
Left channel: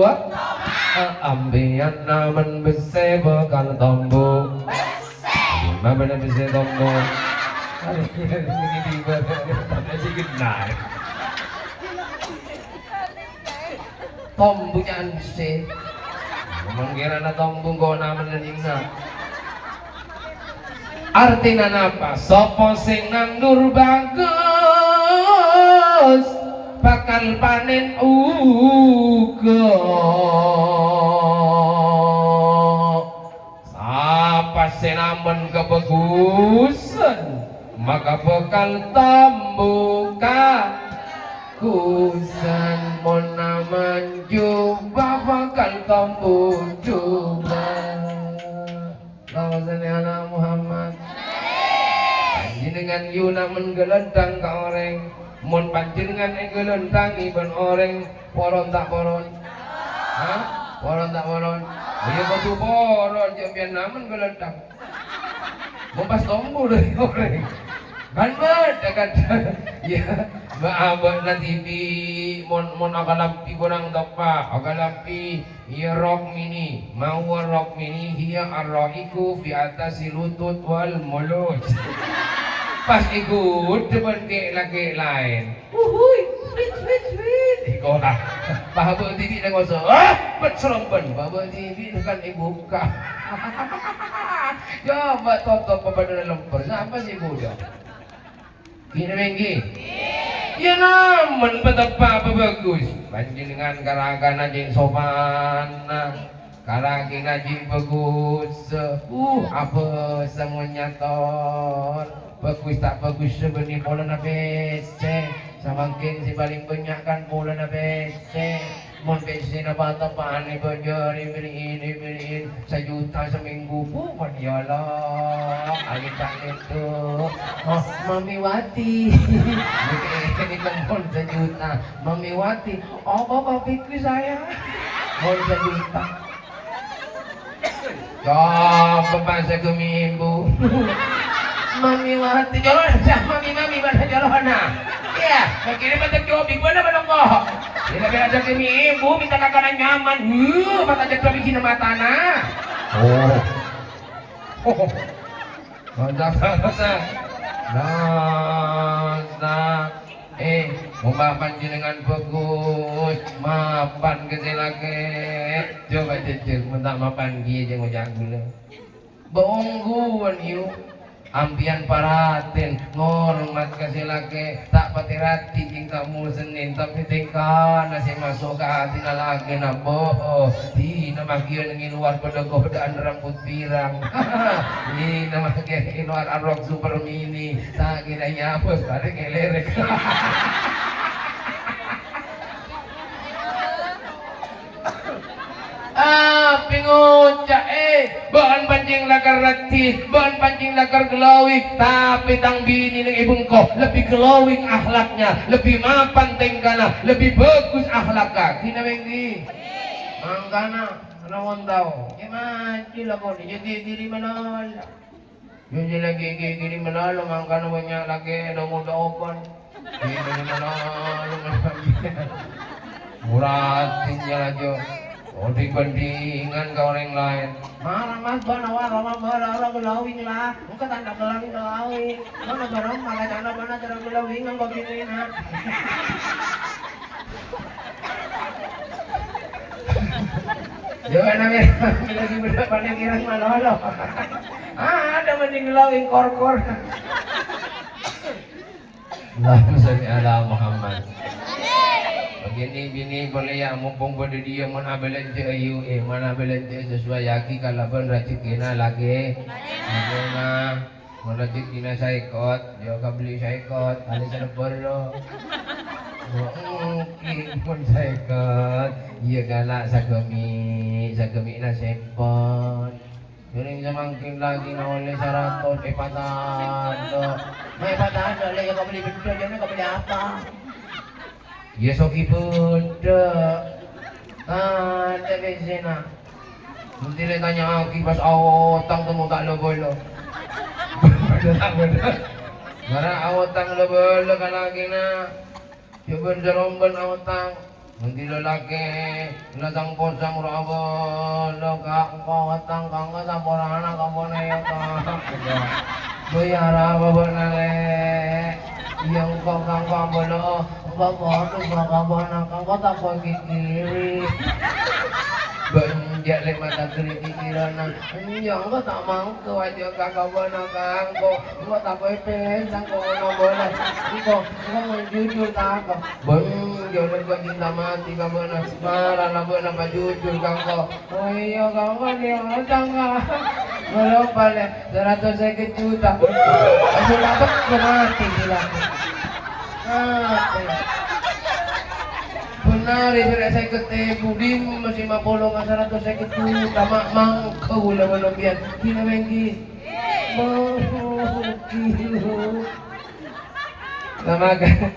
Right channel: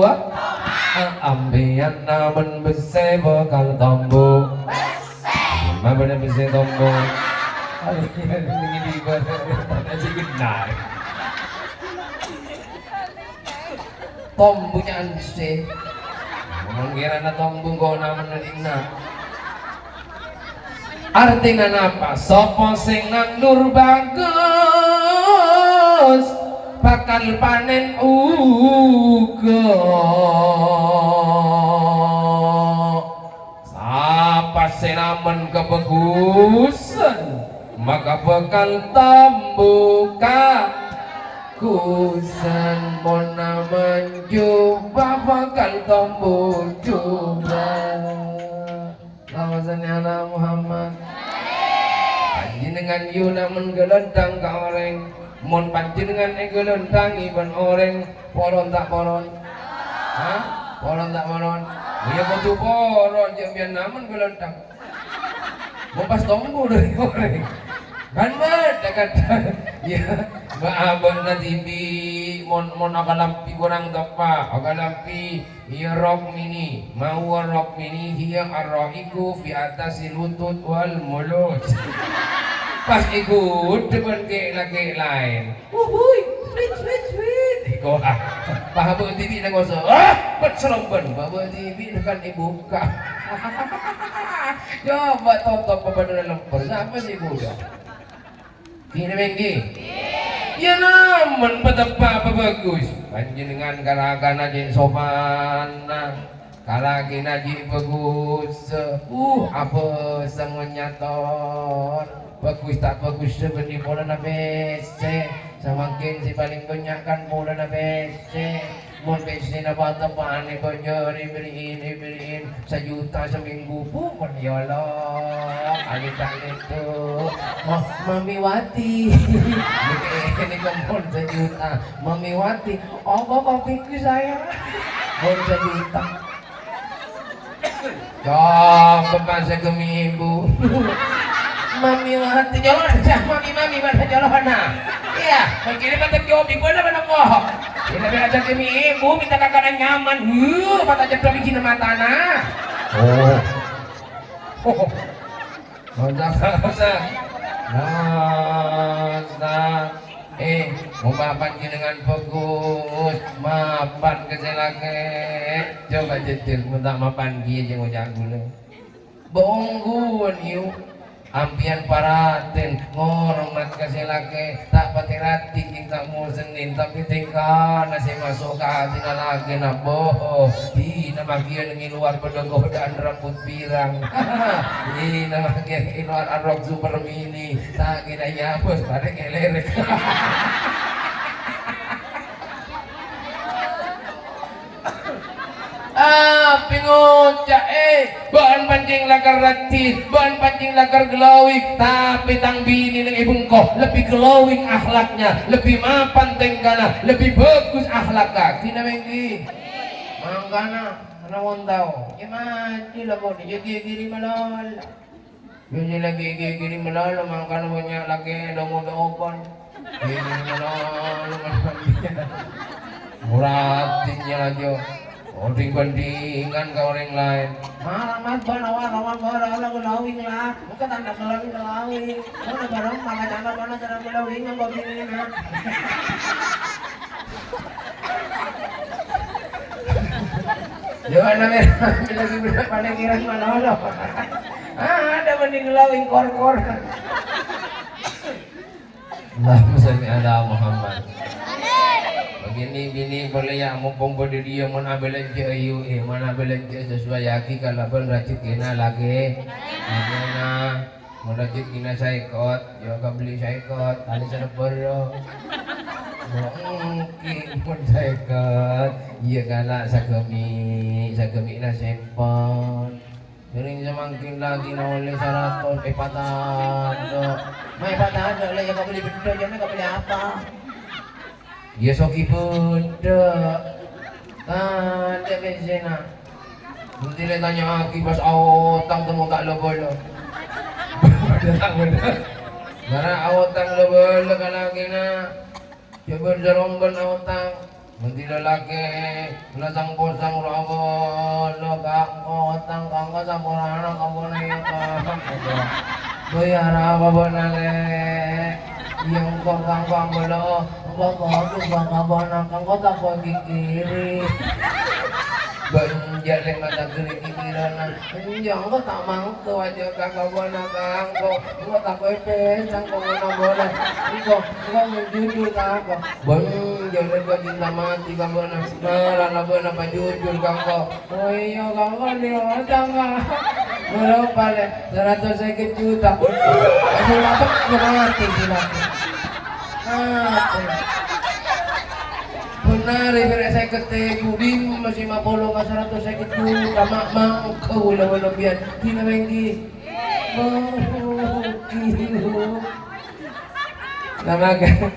ambian namen bese bakal tambu mana bener bese tambu ini aja genai tombu jangan bese mungkin anak tombu kau namen nadina artinya apa? Sopo sing nandur bagus bakal panen uga. Sapa sing namen kebagusan maka bakal tambuka kusan mon namen jubah bakal tambu jubah. Lawasannya ala Muhammad panjenengan yuna menggelendang ka orang mon panjenengan gelendang iban orang poron tak poron hah poron tak poron iya betul poron jamian namun gelendang lepas tombu dari orang kan dekat ya abang nanti mon akan lampi kurang tepat akan lampi ya rok mini mau rok mini hiya arroiku fi atasi lutut wal mulut pas ikut depan ke laki lain sweet iko bahabu TV na ngoso bet selomben bahabu TV bukan dibuka coba tonton pemandangan lemper siapa sih kuda ini menggi ya naman betapa bagus panjenengan kalakan aja sopan kalaki aja bagus apa semuanya tor bagus tak bagus sebenarnya bola na bese semakin si paling banyak kan bola na bese mun bese na bata paane banyari beriin sejuta seminggu pun ya Allah alita itu Mami Wati ini kumpul sejuta Mami Wati oh bapiku saya mau sejuta kau bahasa kami ibu Mami Wati jalan mami mana jalan iya mungkin mata kiobi mana kok ini biasa kami ibu minta kakanan nyaman mata jatuh bikin mata rasa mumpah panjenengan bagus mapan keselake coba jejel minta mapan kia jeung ojang gula boongguan yuk ampian paraten ngormat keselake tak pati rati jeung kamu senin tapi teka nasi masuk ke hati lagi na boh di nama kia ngi luar pada godaan rambut pirang di nama kia ngi luar arok super mini tak kira ya bos pada ngelerek pingoca bahan pancing lakar rati bahan pancing lakar glowing tapi tang bini ng ibong ko lebih glowing akhlaknya lebih mapan tenggana lebih bagus akhlaknya kinamenggi mangkana rawon tao imati lago jadi diri malol jadi lagi gini malol mangkana banyak lagi dongo-dongopan gini malol muratin yang aja banding-bandingan ke orang lain mas orang gelawing lah bukan tanda gelawing mana barang maka cana mana cara gelawing ang gawin ha jangan lagi beda panikiran manolo ada banding gelawing kor-kor Allahumma shalli ala Muhammad Gini boleh ya mumpung pada dia mana belanja ayu mana belanja sesuai yaki kalau pun rajin kena lagi mana rajin kena saya ikut dia akan beli saya ikut ada cara perlu Mun seket, iya galak sagemi na sempon. Piring semangkin lagi na oleh 100 patado. May patado lah yang kau beli benda jangan kau beli apa? Ya soki benda. Ada bezena. Nanti dia tanya aki pas awotang temu tak lo. Datang benda. Mara awotang lo kan lagi na. Coba jeromban awotang. Nanti lelaki lasang posang raga lo kau watang kang kata korana kau naya kang bayar apa bonale yang kau kang kau bolo kau tu kang bona kang kau tak kau kiri banyak le mata kiri kirana yang kau tak mau tu aja kang bona kang kau tak kau pesang kau nak bola kau jujur tak kau banyak le kau cinta mati kang bona marah nak bona pa jujur kang kau oh iya kang kau ni orang kang berapa le 150 juta aduh apa mati gila benar ibu saya ketemu di masih 50 nggak 150 juta mak kau lah berlebihan gila bengki kilo lamakan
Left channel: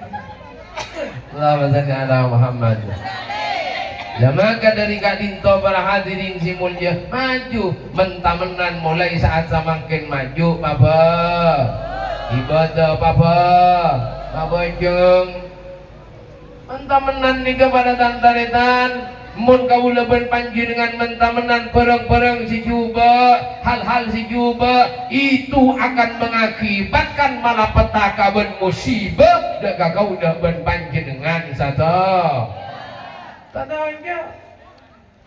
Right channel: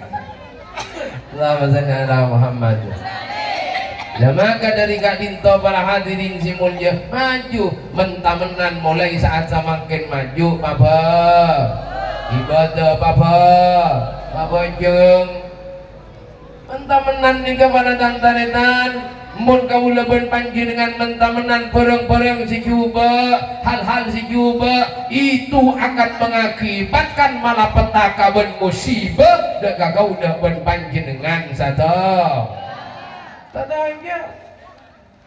Allahumma salli ala Muhammad. Maka dari kadinto para hadirin si mulia maju mentamenan mulai saat semakin maju papa ibadah papa jeng mentamenan ni kepada tantaretan mun kaula ben panjenengan mentamenan pereng-pereng si cuba hal-hal si cuba itu akan mengakibatkan malapetaka ben musibah dak kaula ben panjenengan satu tadanya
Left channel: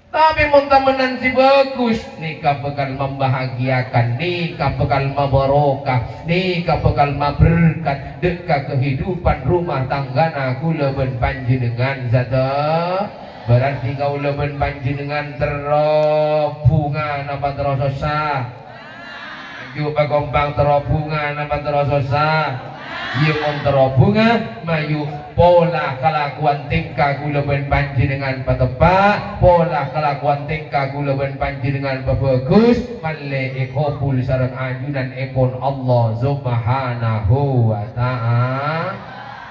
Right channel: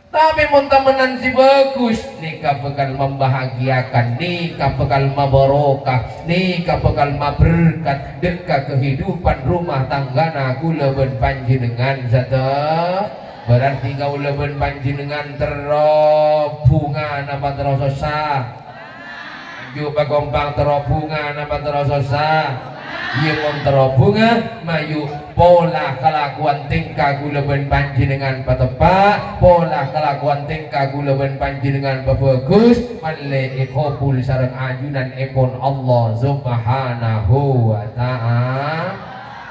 tapi mentamenan si bagus nikah bakal membahagiakan nikah bakal mabarokah nikah bakal maberkat dekat kehidupan rumah tanggana kula ben panjenengan satu berarti kaula ben panjenengan terobungan apa terasa sah juga gompang terobungan apa terasa sah ia monterobungan mayu pola kelakuan tingkah gula ben panjenengan patepak pola kelakuan tingkah gula ben panjenengan bagus malle ikopul sareng ajunan epon Allah subhanahu wa ta'ala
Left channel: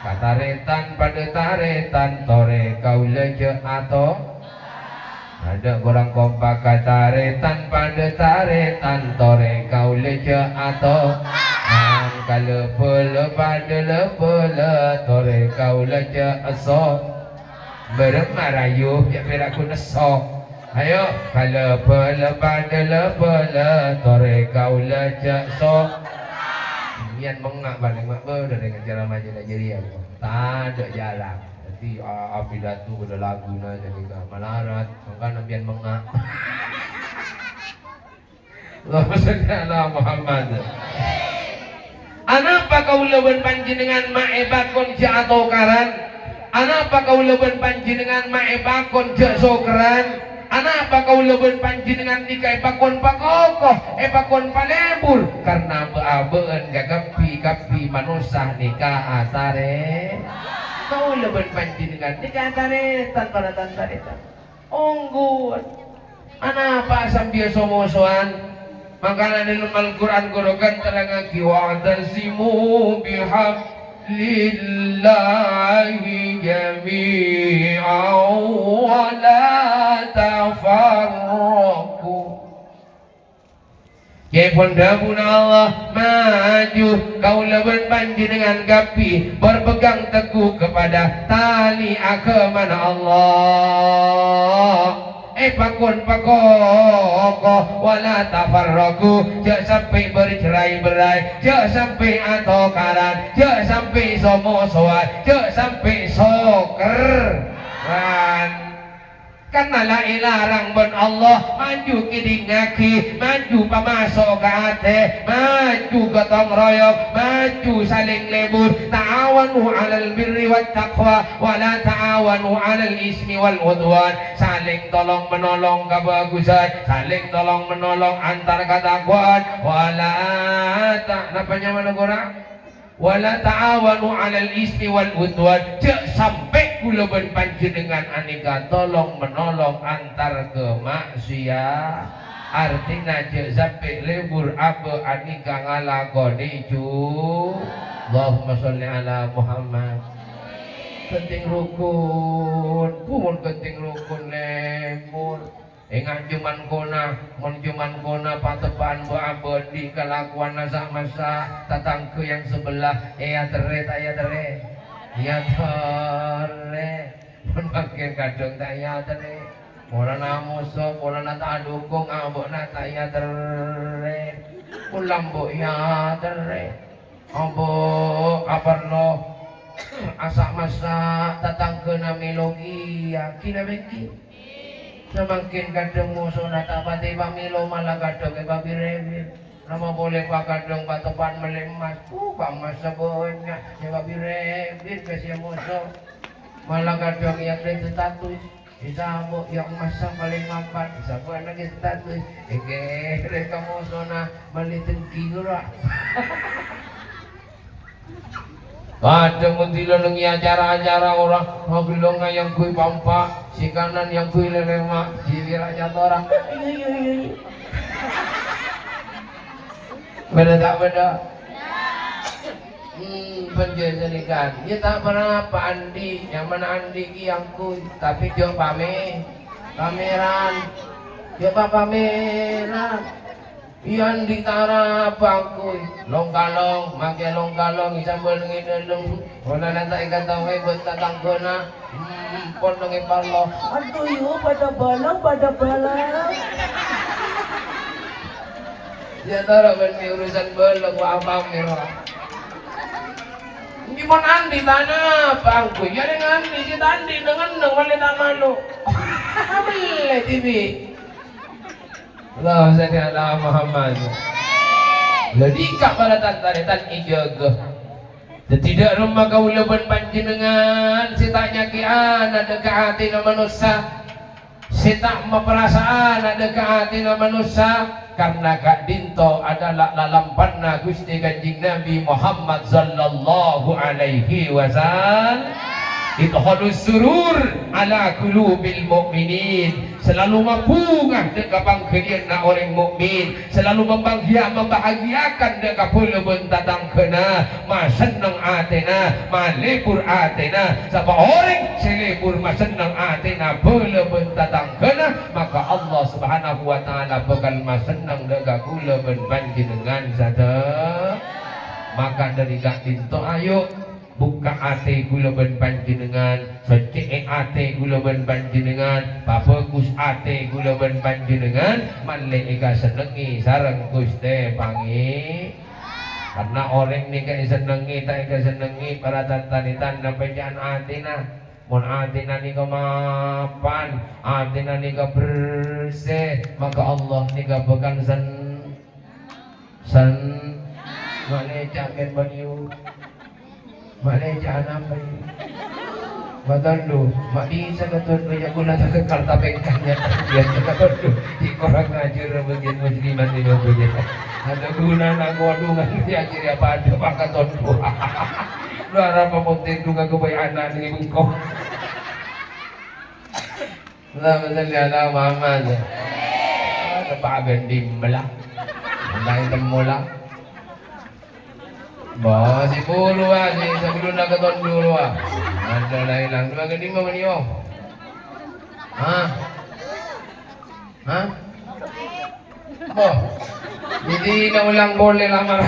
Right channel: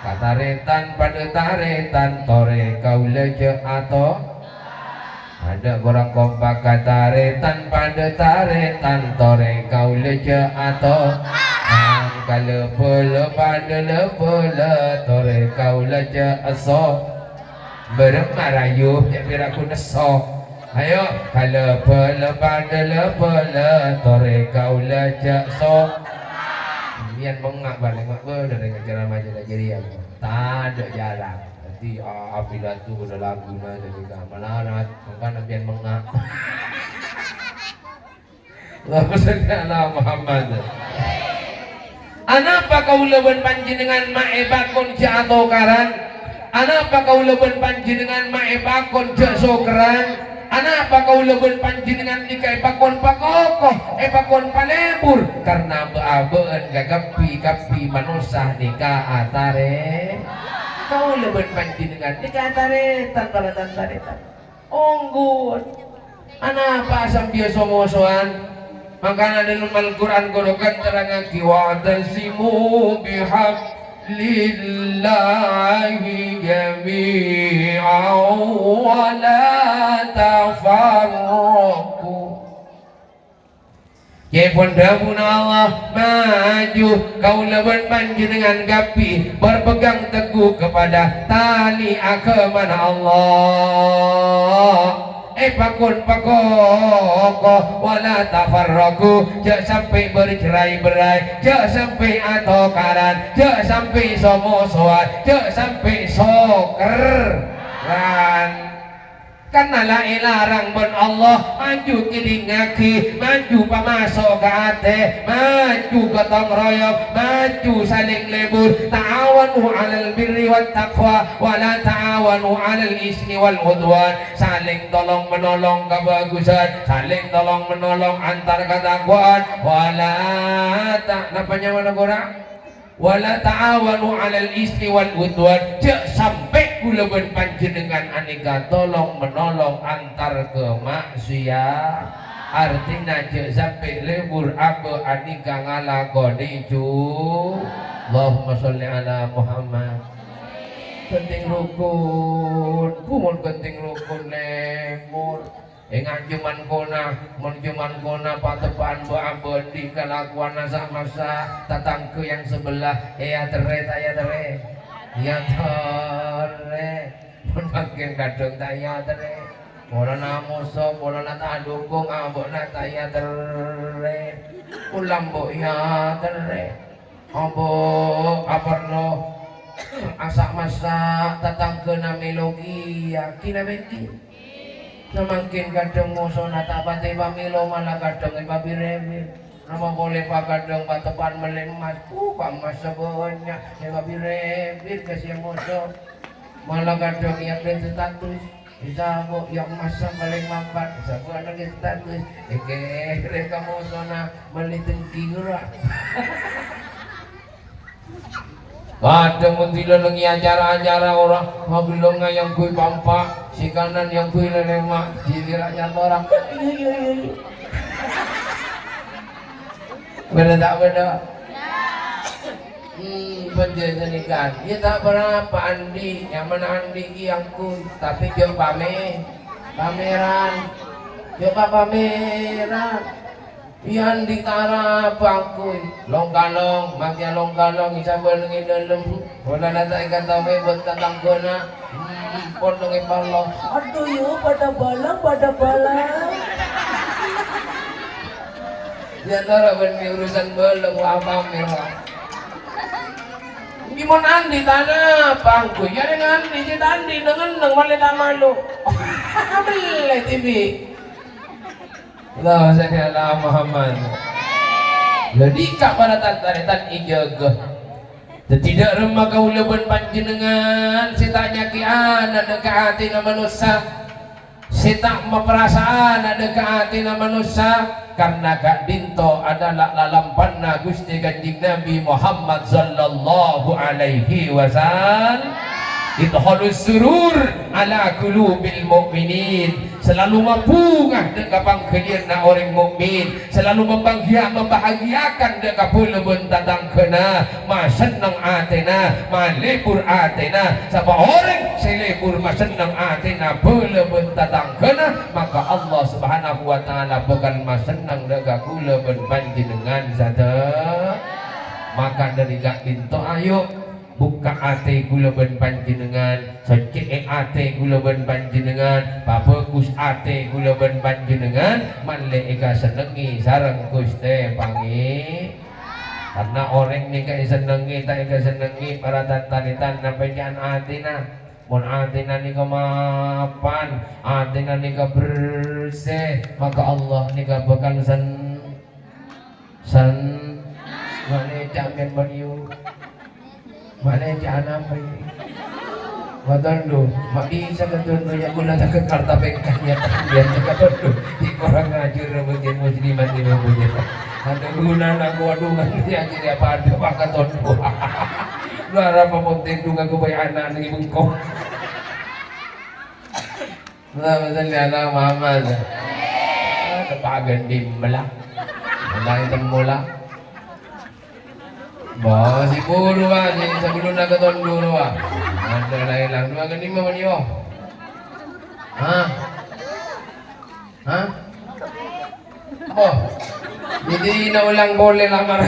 kataretan pada taretan tore kaula je atau ada orang kompak kataretan pada taretan tore kaula je atau kalau pula pada lepula tore kaula je aso bermarayu ya biar aku nesok ayo kalau pula pada lepula tore kaula je aso mian mengak balik mak ber dengan cara macam Nigeria tak ada jalan nanti api datu udah lagu na jadi gak melarat maka mian mengak Allahumma shalli ala Muhammad. Anapa kau leben panjenengan mae bakon ja atau karan? Anapa kau leben panjenengan mae bakon ja sokran? Anapa kau leben panjenengan nikah bakon pakokoh bakon palebur? Karena beabeun gagapi manusia nikah atare. Kau leben panjenengan nikah atare tanpa taretan. Onggun. Anapa asam dia somosoan? Makanya dalam Al-Quran kodokan terangaki wa'tasimu bihablillahi jami'an wa la tafarraqu. Ya pondabun Allah maju kau leben panjenengan gapi berpegang teguh kepada tali agama Allah. Pakun pakoko wala tafarraku jangan sampai bercerai-berai jangan sampai atau karan jangan sampai somosoan jangan sampai soker karena la ilarang bon Allah maju kidingaki maju pamasok ke ate maju gotong royong maju saling lebur ta'awanu 'alal birri wat taqwa wa la ta'awanu 'alal ismi wal udwan saling tolong menolong kebagusan saling tolong menolong antar ketakwaan wala ta'awanu 'alal ismi wal udwan jangan sampai kula ben panjenengan aneka tolong menolong antar kemaksiat. Artinya cek sampai lebur apa aneka ngalakoni cu. Allahumma sholli ala Muhammad. Penting rukun, kumun penting rukun lembur. Ngajuman kona patepan abadi kelakuan sama sa tatang ke yang sebelah ya tere pun makin kadang taya tere orang namuso orang nata dukung ambok nata ya tere ulam bo ya tere ambok aparno asa masa tatang ke namilogi yakin beki semakin kadang musuh nata patay pamilo malah kadang ipabiremir nama boleh pak kadang patepan melemas pamas sebenarnya ipabiremir kasih musuh malah kadang yang dari status isabok yang masang paling mampat isabok lagi status kere kamu sona melitin tigura ada mentila lengi acara-acara orang magulong yang kui pampa si kanan yang kui lelemak si wirajat orang iya beda tak beda penjajanikan dia tak berapa Andi yang mana Andi yang kui tapi dia pameran dia pameran Iyan di tara bangkoy longkalong magya longkalong isa balungi dalam wala na tayo kataway buat tatang ko na portong ipalo aduh yo pada balang ya tara kan may urusan balang apa mero hindi mo nandi tana bangkoy yan ang andi si tandi dengan wala na malo abal TV Allah salli ala Muhammad. Ladi kak pada tantaritan ijaga. Tidak rumah kaulaban panjenengan sitanya kian ada ke hati na manusia. Sita memperasaan ada ke hati na manusia karena kak dinto adalah lalampanna Gusti Kanjeng Nabi Muhammad sallallahu alaihi wasallam. Idhalus surur ala qulubil mu'minin selalu membungah dekat pangkelian na orang mukmin selalu membahagiakan dekat pulebun tatang kena masenang atena malebur atena sapa orang selebur masenang atena pulebun tatang kena maka Allah subhanahu wa ta'ala bakal masenang dekat pulebun panjenengan sada maka dari gak pintu ayo buka ate gula ben panjenengan secek ate gula ben panjenengan bagus ate gula ben panjenengan manle eka senengi sareng Gusti pangi karena orang ni ka senengi tak eka senengi para tantanitan na penyaan atina mun atina ni kamapan atina ni ka bersih maka Allah ni ka bakal wale jamin baniu mana jangan apa ini? Matondo, mati sakatun banyak guna tak kekal tapi kanya dia sakatun di korang ngajar bagian musliman di bagian. Ada guna nak wadungan dia kira pada pakai tondo. Luar apa penting juga kebayaan dengan bengkok. Allahumma shalli ala Muhammad. Ada bagan dimbelah, lain temula. Bah, si puro si sebelum nak ketonduro ada lain lang. Dua gani mo niyo. Oh, hindi na ulang boleh lamar.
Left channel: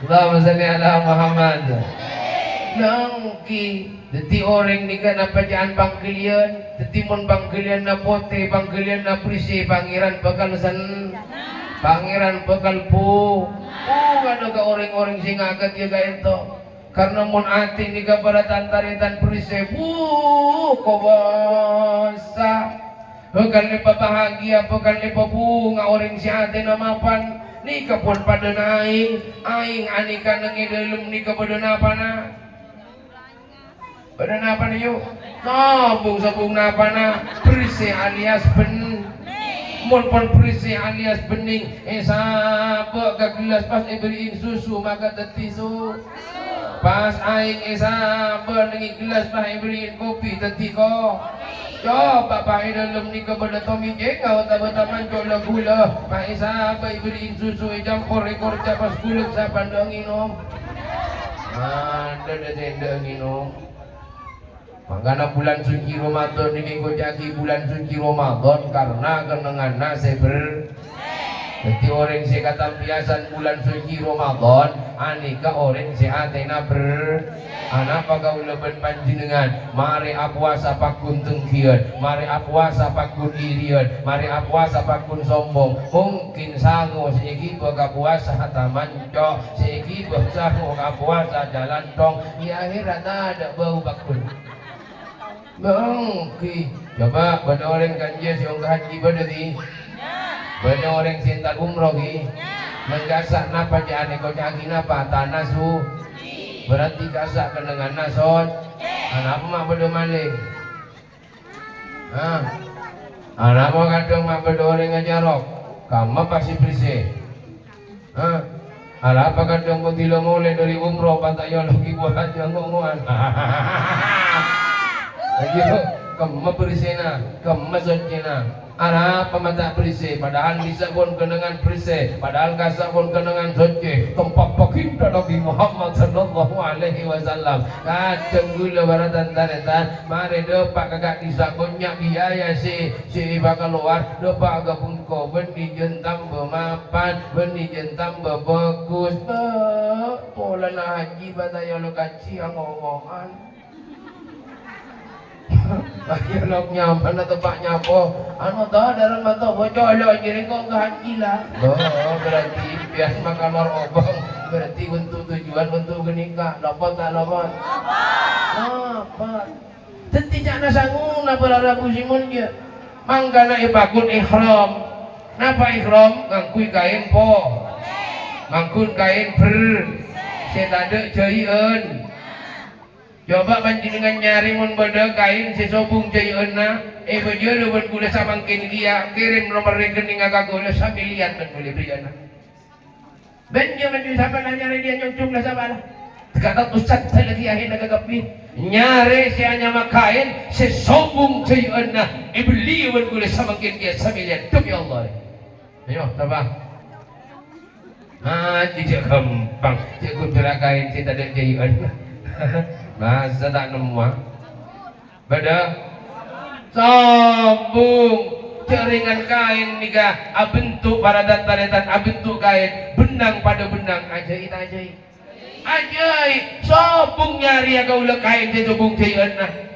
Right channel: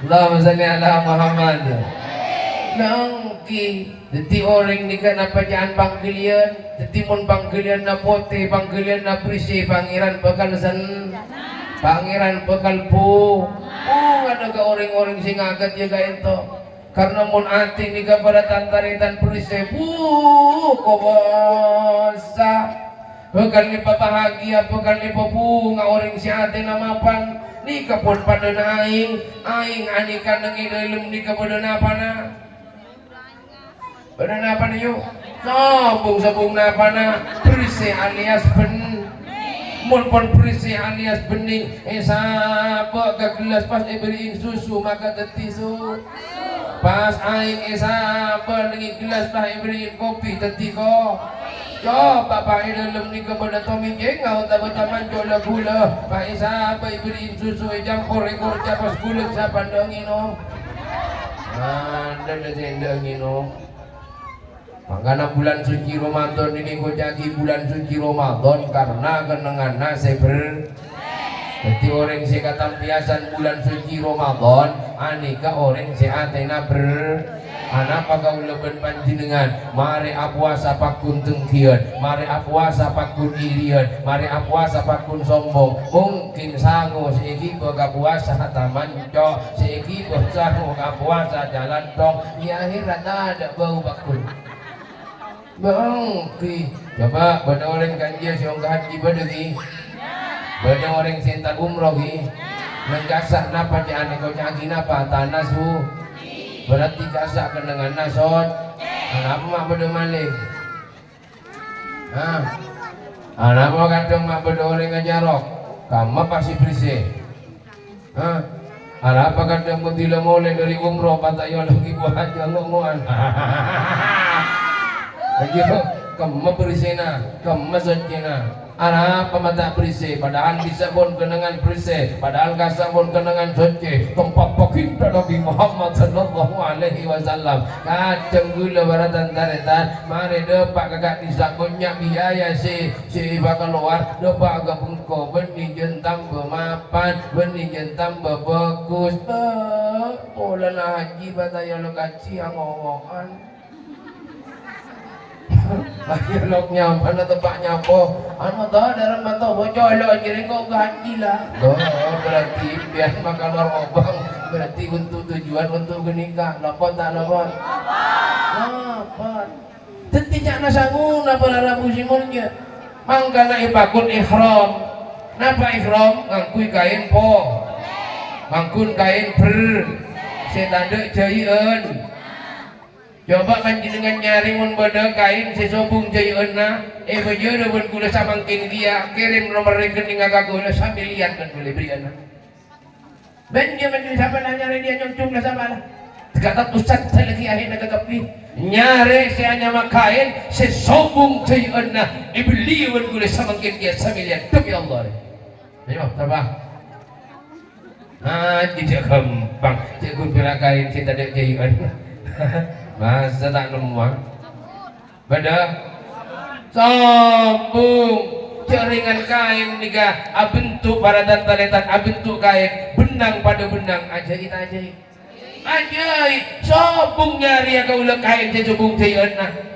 Allahumma salli ala Muhammad. Nangki, jadi orang ni kan apa jangan panggilian, jadi mon panggilian na pote, panggilian na prisi, pangeran bakal pangeran bakal po. Ada ke orang-orang sing agak juga itu karena mun ati ni ka pada tantaritan prisebu kobasa bukan lipa bahagia bukan lipa bunga orang si ati na mapan ni ka pun pada naing anikan nang idalem ni ka pada napa na yuk sabung napa na prise alias pun perisi alias bening sapa ke gelas pas diberiin susu maka teti Pas aing sabar dengan gelas Pak beriin kopi tadi ko. Yo Bapak dalam ni kepada Tommy jengau taman cola gula. Pak sabar beriin susu campur ekor capas kulit saban dong minum. Ada jendeng minum. Makanya bulan suci Ramadan ini kau jadi bulan suci Ramadan karena kenangan seber. Jadi orang si katampiasan bulan suci Ramadan, anika orang si atena ber. Anak kau leben panjenengan, mari apuasa pakun tengkian, mari apuasa pakun irian, mari apuasa pakun sombong. Mungkin sanggup seiki berkapuasa taman co, seiki bersanggup apuasa jalan tong. Ya akhirat ada bau pakun. Bangki, coba pada orang kanjia siang haji pada di. Pada orang cinta umroh ki, nenggasak napa jane kau cagi napa tanah su, berarti gasak kenangan nasot, anak mak pada malik, anak mak kadang mak pada orang ngajarok, kamu pasti bersih, anak apa kadang mau tidak mulai dari umroh pataya lagi buat aja ngomongan, begitu, kamu bersih na, kamu suci na. Arah pemata bersih, padahal bisa pun kenangan bersih, padahal kasar pun kenangan suci. Tempat baginda Nabi Muhammad Sallallahu Alaihi Wasallam. Kadang gula baratan taretan, mari depak kakak disabunnya biaya si bakal keluar, depak agak pungko, benih jentam bermapan, benih jentam berbagus. Pola na haji bataya lokaci angongan. Ayo lok nyampe na tebaknya po. Ano dah dalam mata bocor lo jadi kau haji lah. Oh berarti biar makan luar obang. Berarti untuk tujuan untuk genika. Lapor tak lapor? Lapor. Tentu jangan sanggup nak berarabu simulnya. Mangkana ipakun ikhram. Napa ikhram? Ngangkui kain po. Ngangkun kain ber. Senade jayen. Coba panjenengan nyari mun beda kain sesobung jayeuna bejo deun kula samangkin dia kirim nomor rekening kakak kula sambil lihat kan boleh beriana. Ben jaman siapa nyari dia concong lah sama lah. Kata ustaz saya lagi akhir nagagapi nyari si anya makain sesobung jayeuna beli deun kula samangkin dia sambil lihat demi Allah. Ayo tabah. Tidak gampang. Jago berakain si tadi jayeuna. Masa tak nemuan pada sambung jaringan kain nikah bentuk pada taletan bentuk kain benang pada benang ajaib sambung nyari ya kau kain sambung jayeuna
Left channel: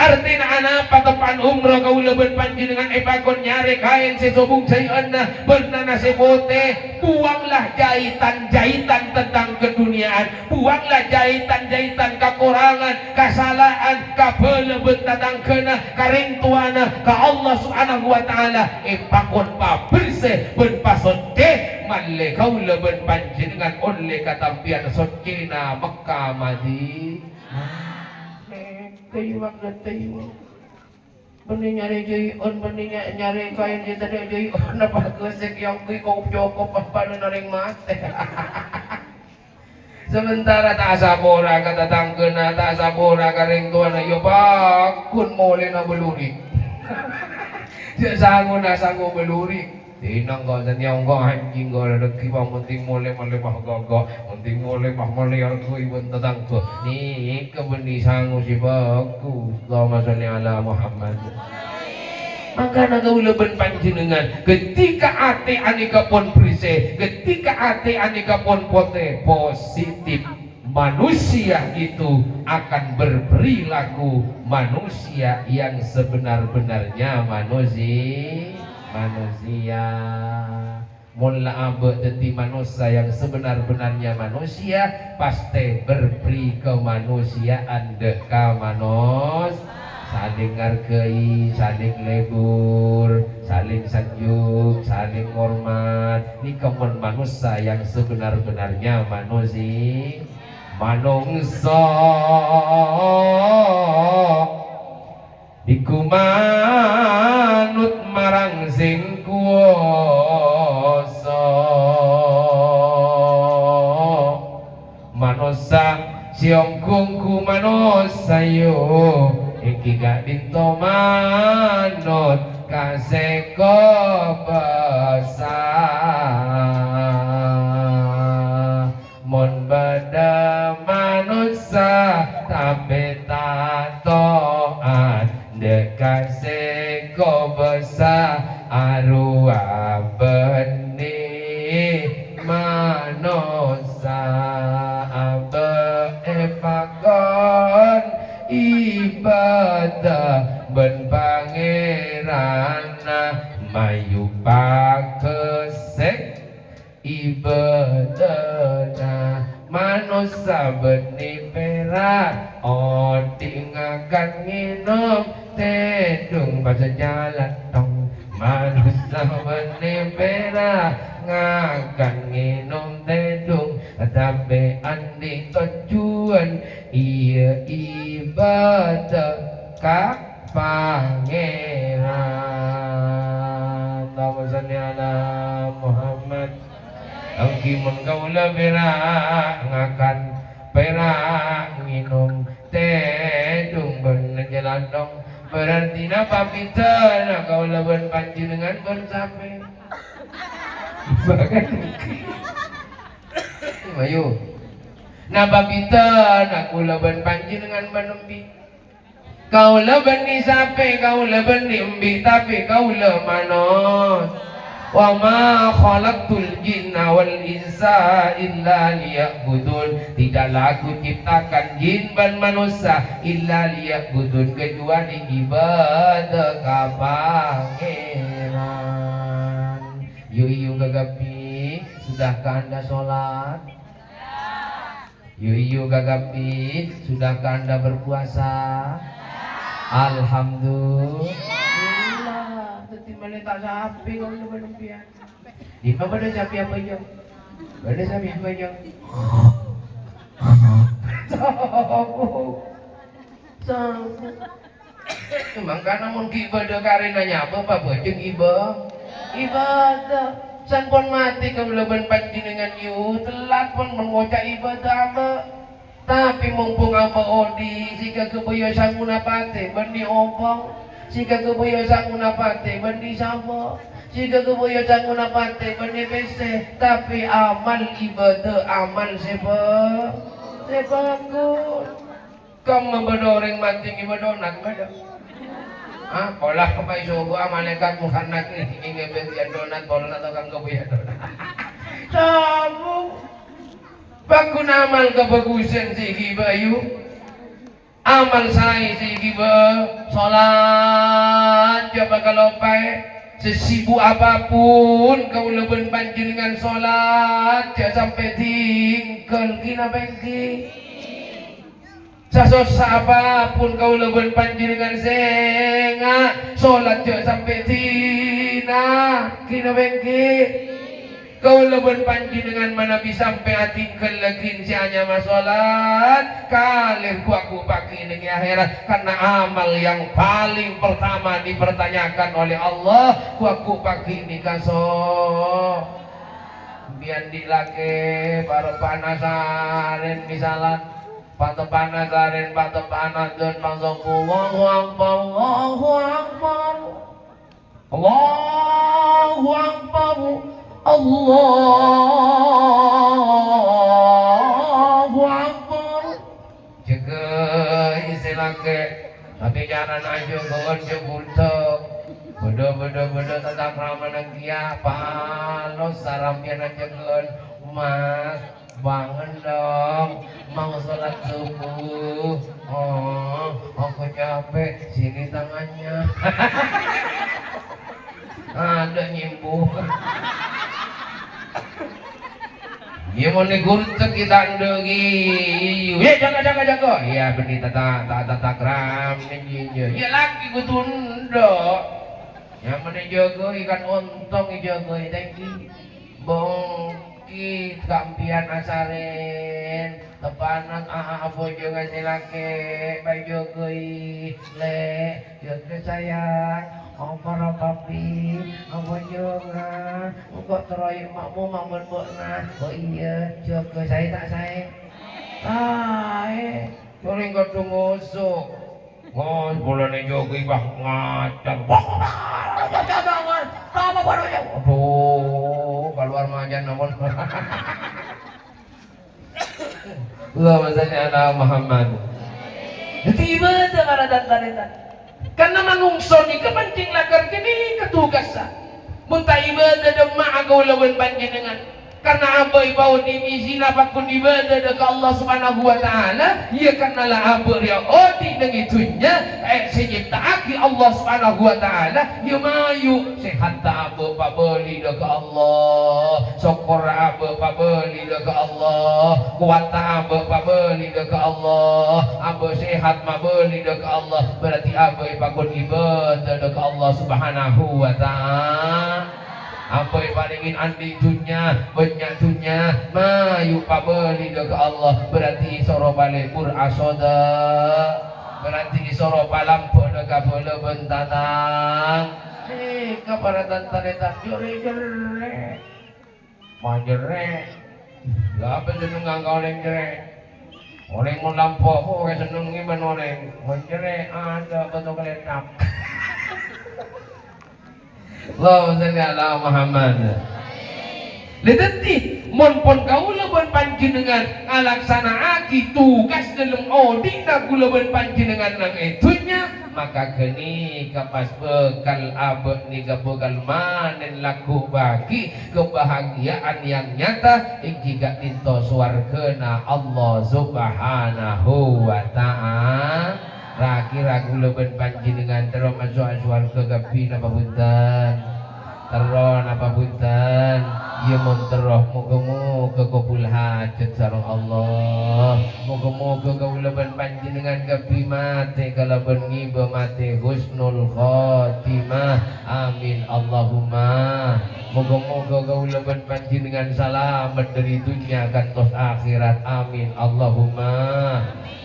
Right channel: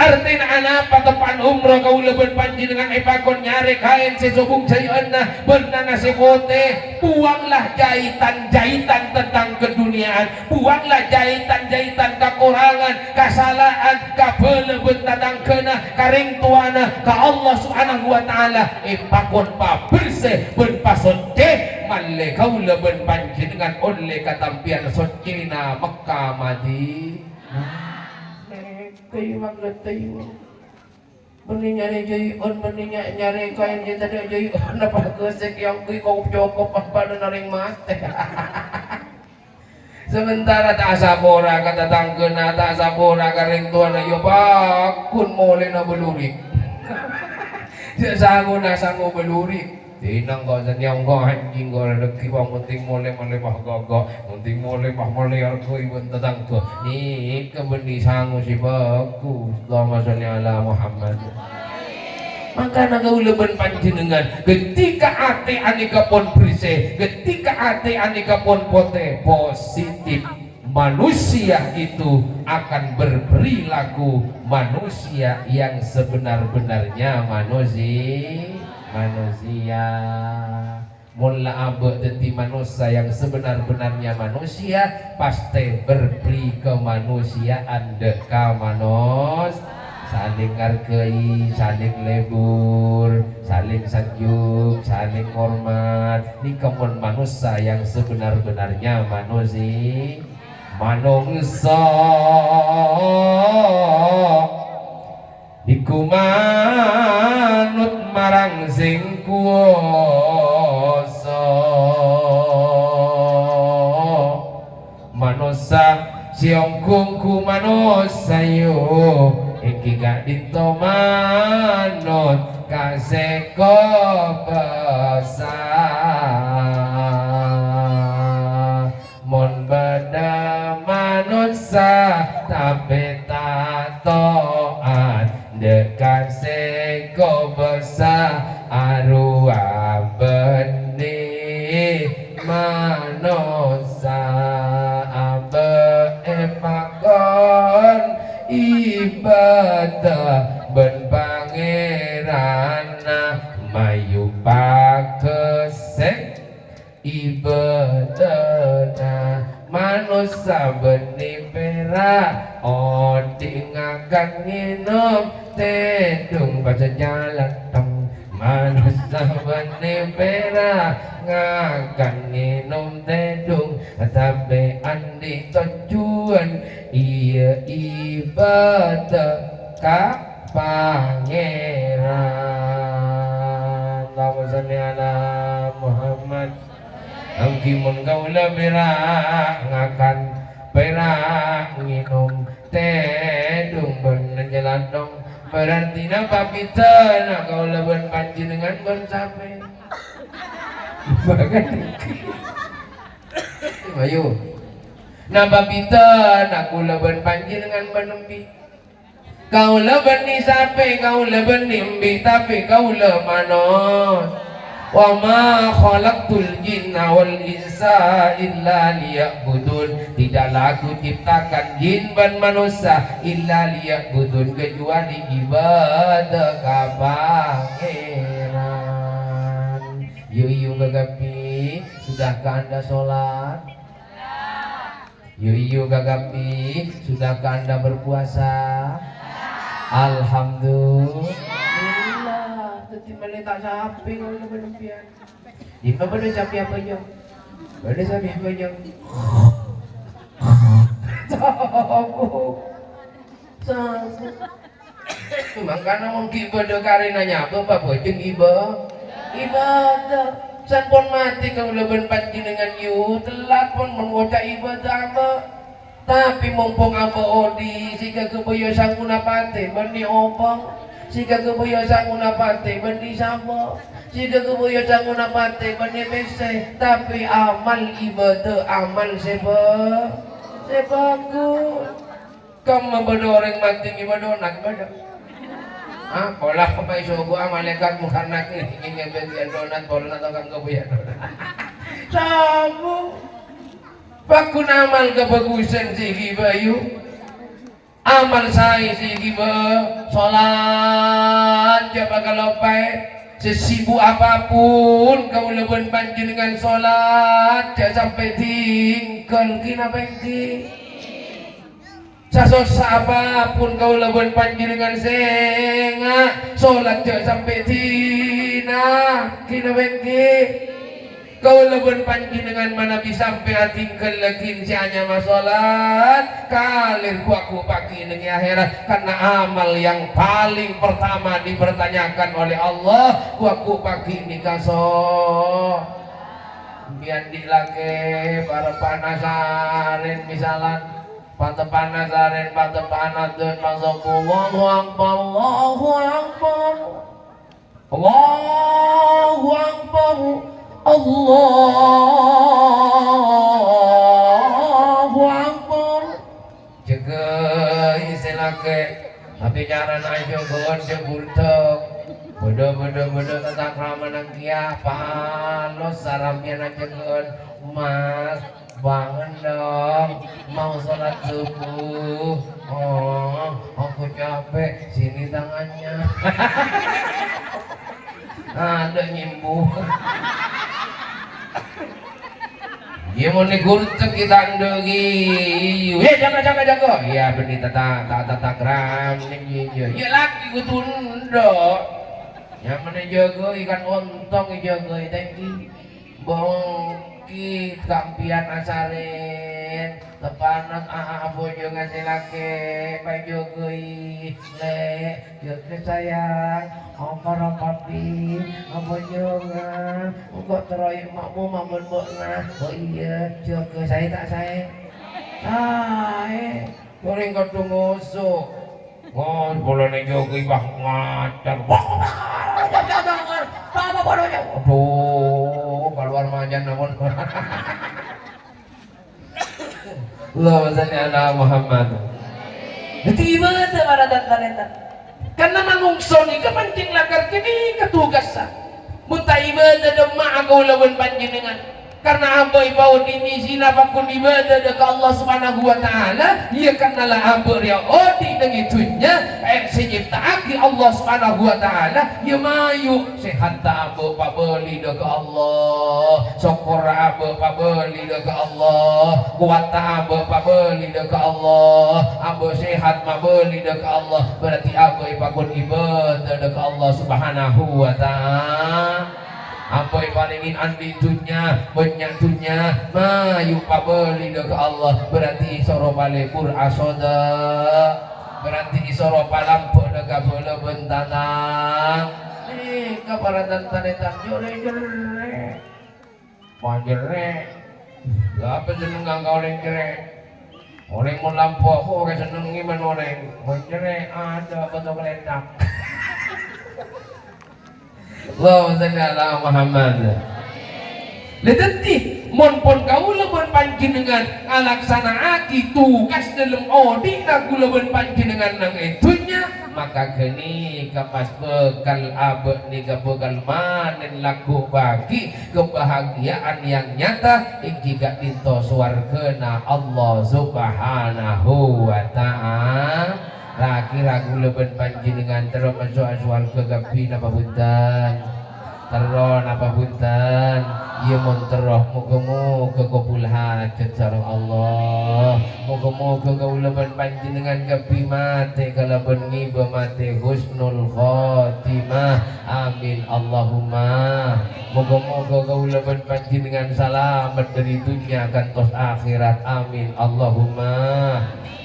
artinya anak patepan umroh kau leban panjenengan epakon nyari kain sesubung jayeuna bernana sepote buanglah jahitan tentang keduniaan buanglah jahitan kekurangan kesalahan kabeleben tatang kena karing tuana ka Allah subhanahu wa ta'ala epakon pa bersih ben pasonce malle kau leban panjenengan oleh katampian socina Mekah Madi kayu mangga tayu benih nyari jayon benih nyari kain yang tadi jayon apa kesek yang kau cokop pada naring mate sementara tak sabora kata tangkena tak sabora karing tuan ayo bakun mole na belurik sanggup belurik tinang kau sanyang kau anjing kau lagi bang penting mole bah gogo penting mole aku ibu tentang tu ni kebenih sanggup si bagus Allahumma sholli ala Muhammad. Maka kau leban panjenengan ketika ati anika pun bersih ketika ati anika pun positif manusia itu akan berperilaku manusia yang sebenar-benarnya manusia mulla abe jadi manusia yang sebenar-benarnya manusia pasti berperi kemanusiaan deka manus saling ngargai, saling lebur, saling sanjung, saling hormat ini kemun manusia yang sebenar-benarnya manusia iku manut marang sing kuwasa manusia iki gak ditomanut kaseko besar mon bada manusia tapi tak toat dekat seko besar arwah benih manusia pakon ibadah ben pangeran mayu pakesek ibadah manusia benih perak tinggalkan minum tedung baca jalan tong manusia benih perak ngakan minum tedung tapi andi tujuan iya ibadah ka pangeran. Allahumma shalli ala Muhammad. Angki mun kaula berak ngakan perak minum tedung ben jalan dong berarti napa pitana kaula ben panjenengan ben sampai bagan ayo napa pitana kaula ben panjenengan benembi kaula ben disape kaula ben nimbi tapi kaula manos wa ma khalaqtul jinna wal insa illa liya'budun tidaklah aku ciptakan jin dan manusia illa liya'budun kecuali ibadah ka pangeran. Yu gagapi sudahkah anda sholat? Yu gagapi sudahkah anda berpuasa? Alhamdulillah. Boleh tak sampai kau ni berlempian. Jika boleh sampai apa je? Boleh sampai apa je? Sabu. Mangkana mun ibadah karenanya apa bojeng ibadah. San pun mati kau leben panjenengan yu telat pun mengucap ibadah apa. Tapi mumpung apa odi sika kebuyo sanguna pate benih opang. Jika kebuyo sanguna pate benih sama, jika kebuyo sanguna pate benih bese, tapi amal ibadah amal sebagus. Kamu berdoreng mati ibadah nak beda. Ah, pola kepai suku amalekat bukan nak ingin berian donat pola atau kan kebuyo donat. Sabu, bakun amal kebagusan si kibayu. Amal saya giba salat jaba kalopai sesibuk apapun kau leben panjenengan salat jangan sampai tinggal kina bengki sasosa apapun kau leben panjenengan senga salat jangan sampai kina bengki kau leben panjenengan mana bisa sampai tinggal lagi si hanya masalat kalir aku pakai ini akhirat karena amal yang paling pertama dipertanyakan oleh Allah aku pakai ini kaso biar dilake para panasarin misalan pada panasarin pada panadun Allahu akbar Allahu akbar Allahu akbar Allahu akbar jaga isilake tapi jangan aja kawan jebultok bodoh tata krama nangkia palo saramnya aja kawan mas bangun dong mau sholat subuh oh aku capek sini tangannya ada nyembuh dia mau negurtek kita andegi ya jaga ya benih tata kram ya lagi ku tunduk yang mana jaga ikan ontong jaga tadi bongki kampian asarin tepanan bojo ngasih laki baju kui le jaga sayang Ongkara kapi, bojo nga, kok teroy makmu mamun bokna, oh iya, jaga saya tak saya. Goring kau tunggu usuk, Ngon bola ning jogi bah ngacar. Apa bodohnya? Aduh, keluar majan namun. Allahumma shalli ala Muhammad. Jadi ibadah para dan karena manungso ni kepenting lagar kini ketugasan. Muntah ibadah dan ma'agau lawan panjenengan. Karena abai bau dimisi napakun ibadah ke Allah Subhanahu wa taala, ia karena abar ya odi dengan itunya sejiptaaki Allah Subhanahu wa taala, ia mayu sehat abu pabeli ke Allah, syukur abu pabeli ke Allah, kuat abu pabeli ke Allah, abu sehat mabeli ke Allah, berarti abai pakun ibadah ke Allah Subhanahu wa taala. Apa yang palingin andi dunya banyak dunya mayu pabeli ke Allah berarti soro balik asoda berarti soro palam penegak bola bentanang kabaratan tanetan jore-jore majere apa jeneng ngangkau lengkere oleh mun lampu aku kayak seneng iman oleh majere ada betul kelentak. Allahumma shalli ala Muhammad. Letenti mon pon kaula bon panjenengan alaksanaaki tugas dalam odi kagula bon panjenengan nang itunya maka geni kapas bekal abek ni bekal manen laku bagi kebahagiaan yang nyata jika dinto swargana Allah Subhanahu wa taala. Ragu leben panjenengan terus masuk swarga gapi napa buntan terus napa buntan ieu mun terus muga-muga kabul hajat sareng Allah muga-muga kauleben panjenengan gapi mate kalaben ngiba mate husnul khotimah amin Allahumma muga-muga kauleben panjenengan selamat dari dunia kantos akhirat amin Allahumma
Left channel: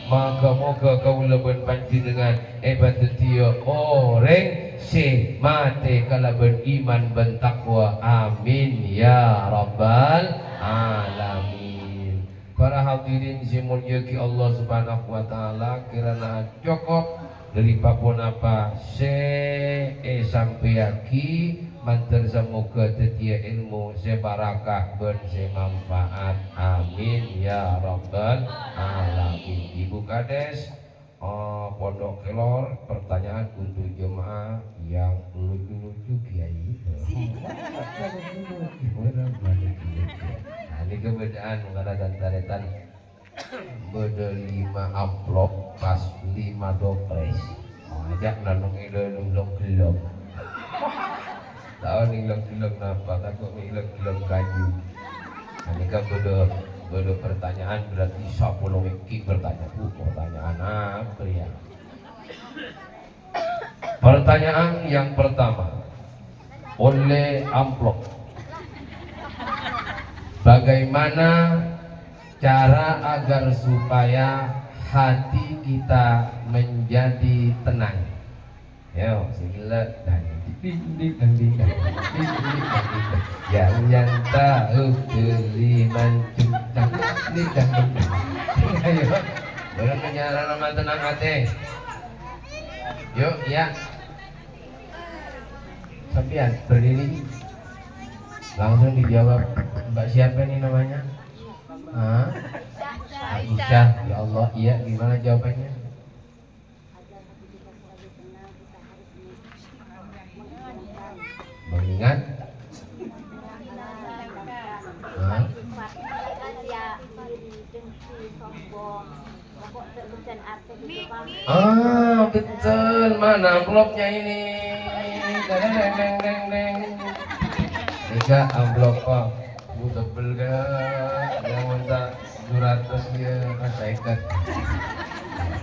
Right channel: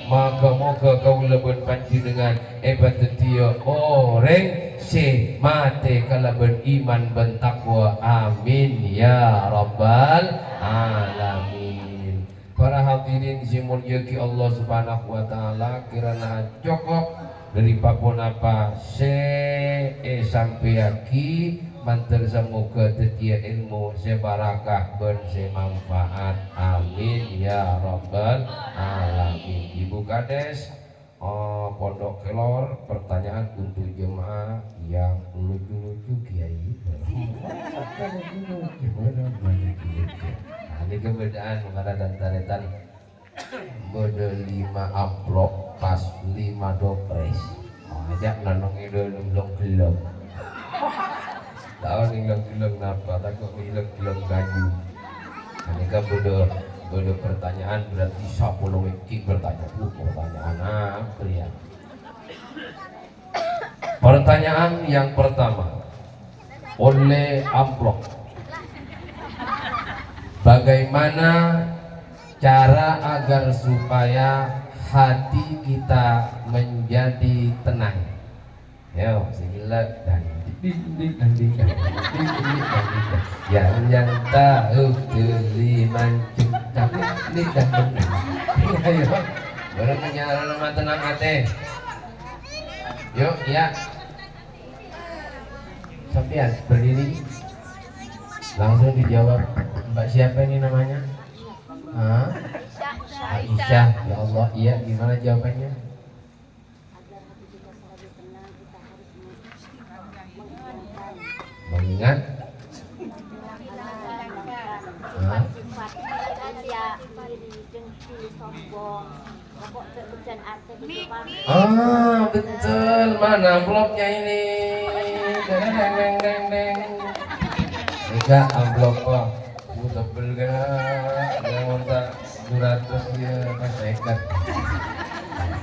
moga-moga kaulebun panjenengan hebat dia orang si mate kalaben iman ben takwa amin ya rabbal alamin. Para hadirin si mulia ki Allah Subhanahu wa taala kirana cukup dari papun apa sampai aki mantel semoga tetia ilmu sebarakah ben semanfaat amin ya rabbal alamin. Ibu Kades Pondok Kelor pertanyaan untuk jemaah yang lucu-lucu kiai ini keberadaan karena dan taretan beda 5 amplop pas 5 dopres ajak nanong idolong gelong tahun hilang-hilang apa takut hilang-hilang kayu ini kan beda pertanyaan berarti 10 wiki pertanyaan apa ya. Pertanyaan yang pertama oleh amplop bagaimana cara agar supaya hati kita menjadi tenang yo sigilat dan yang tahu teliman cinta ayo bareng menyara nama tenang hati yuk ya sampean berdiri langsung dijawab mbak siapa ini namanya Aisyah ya Allah iya gimana jawabannya mengingat betul mana amplopnya ini deng Ika amplop pak tebel gak yang minta surat ya saya ikat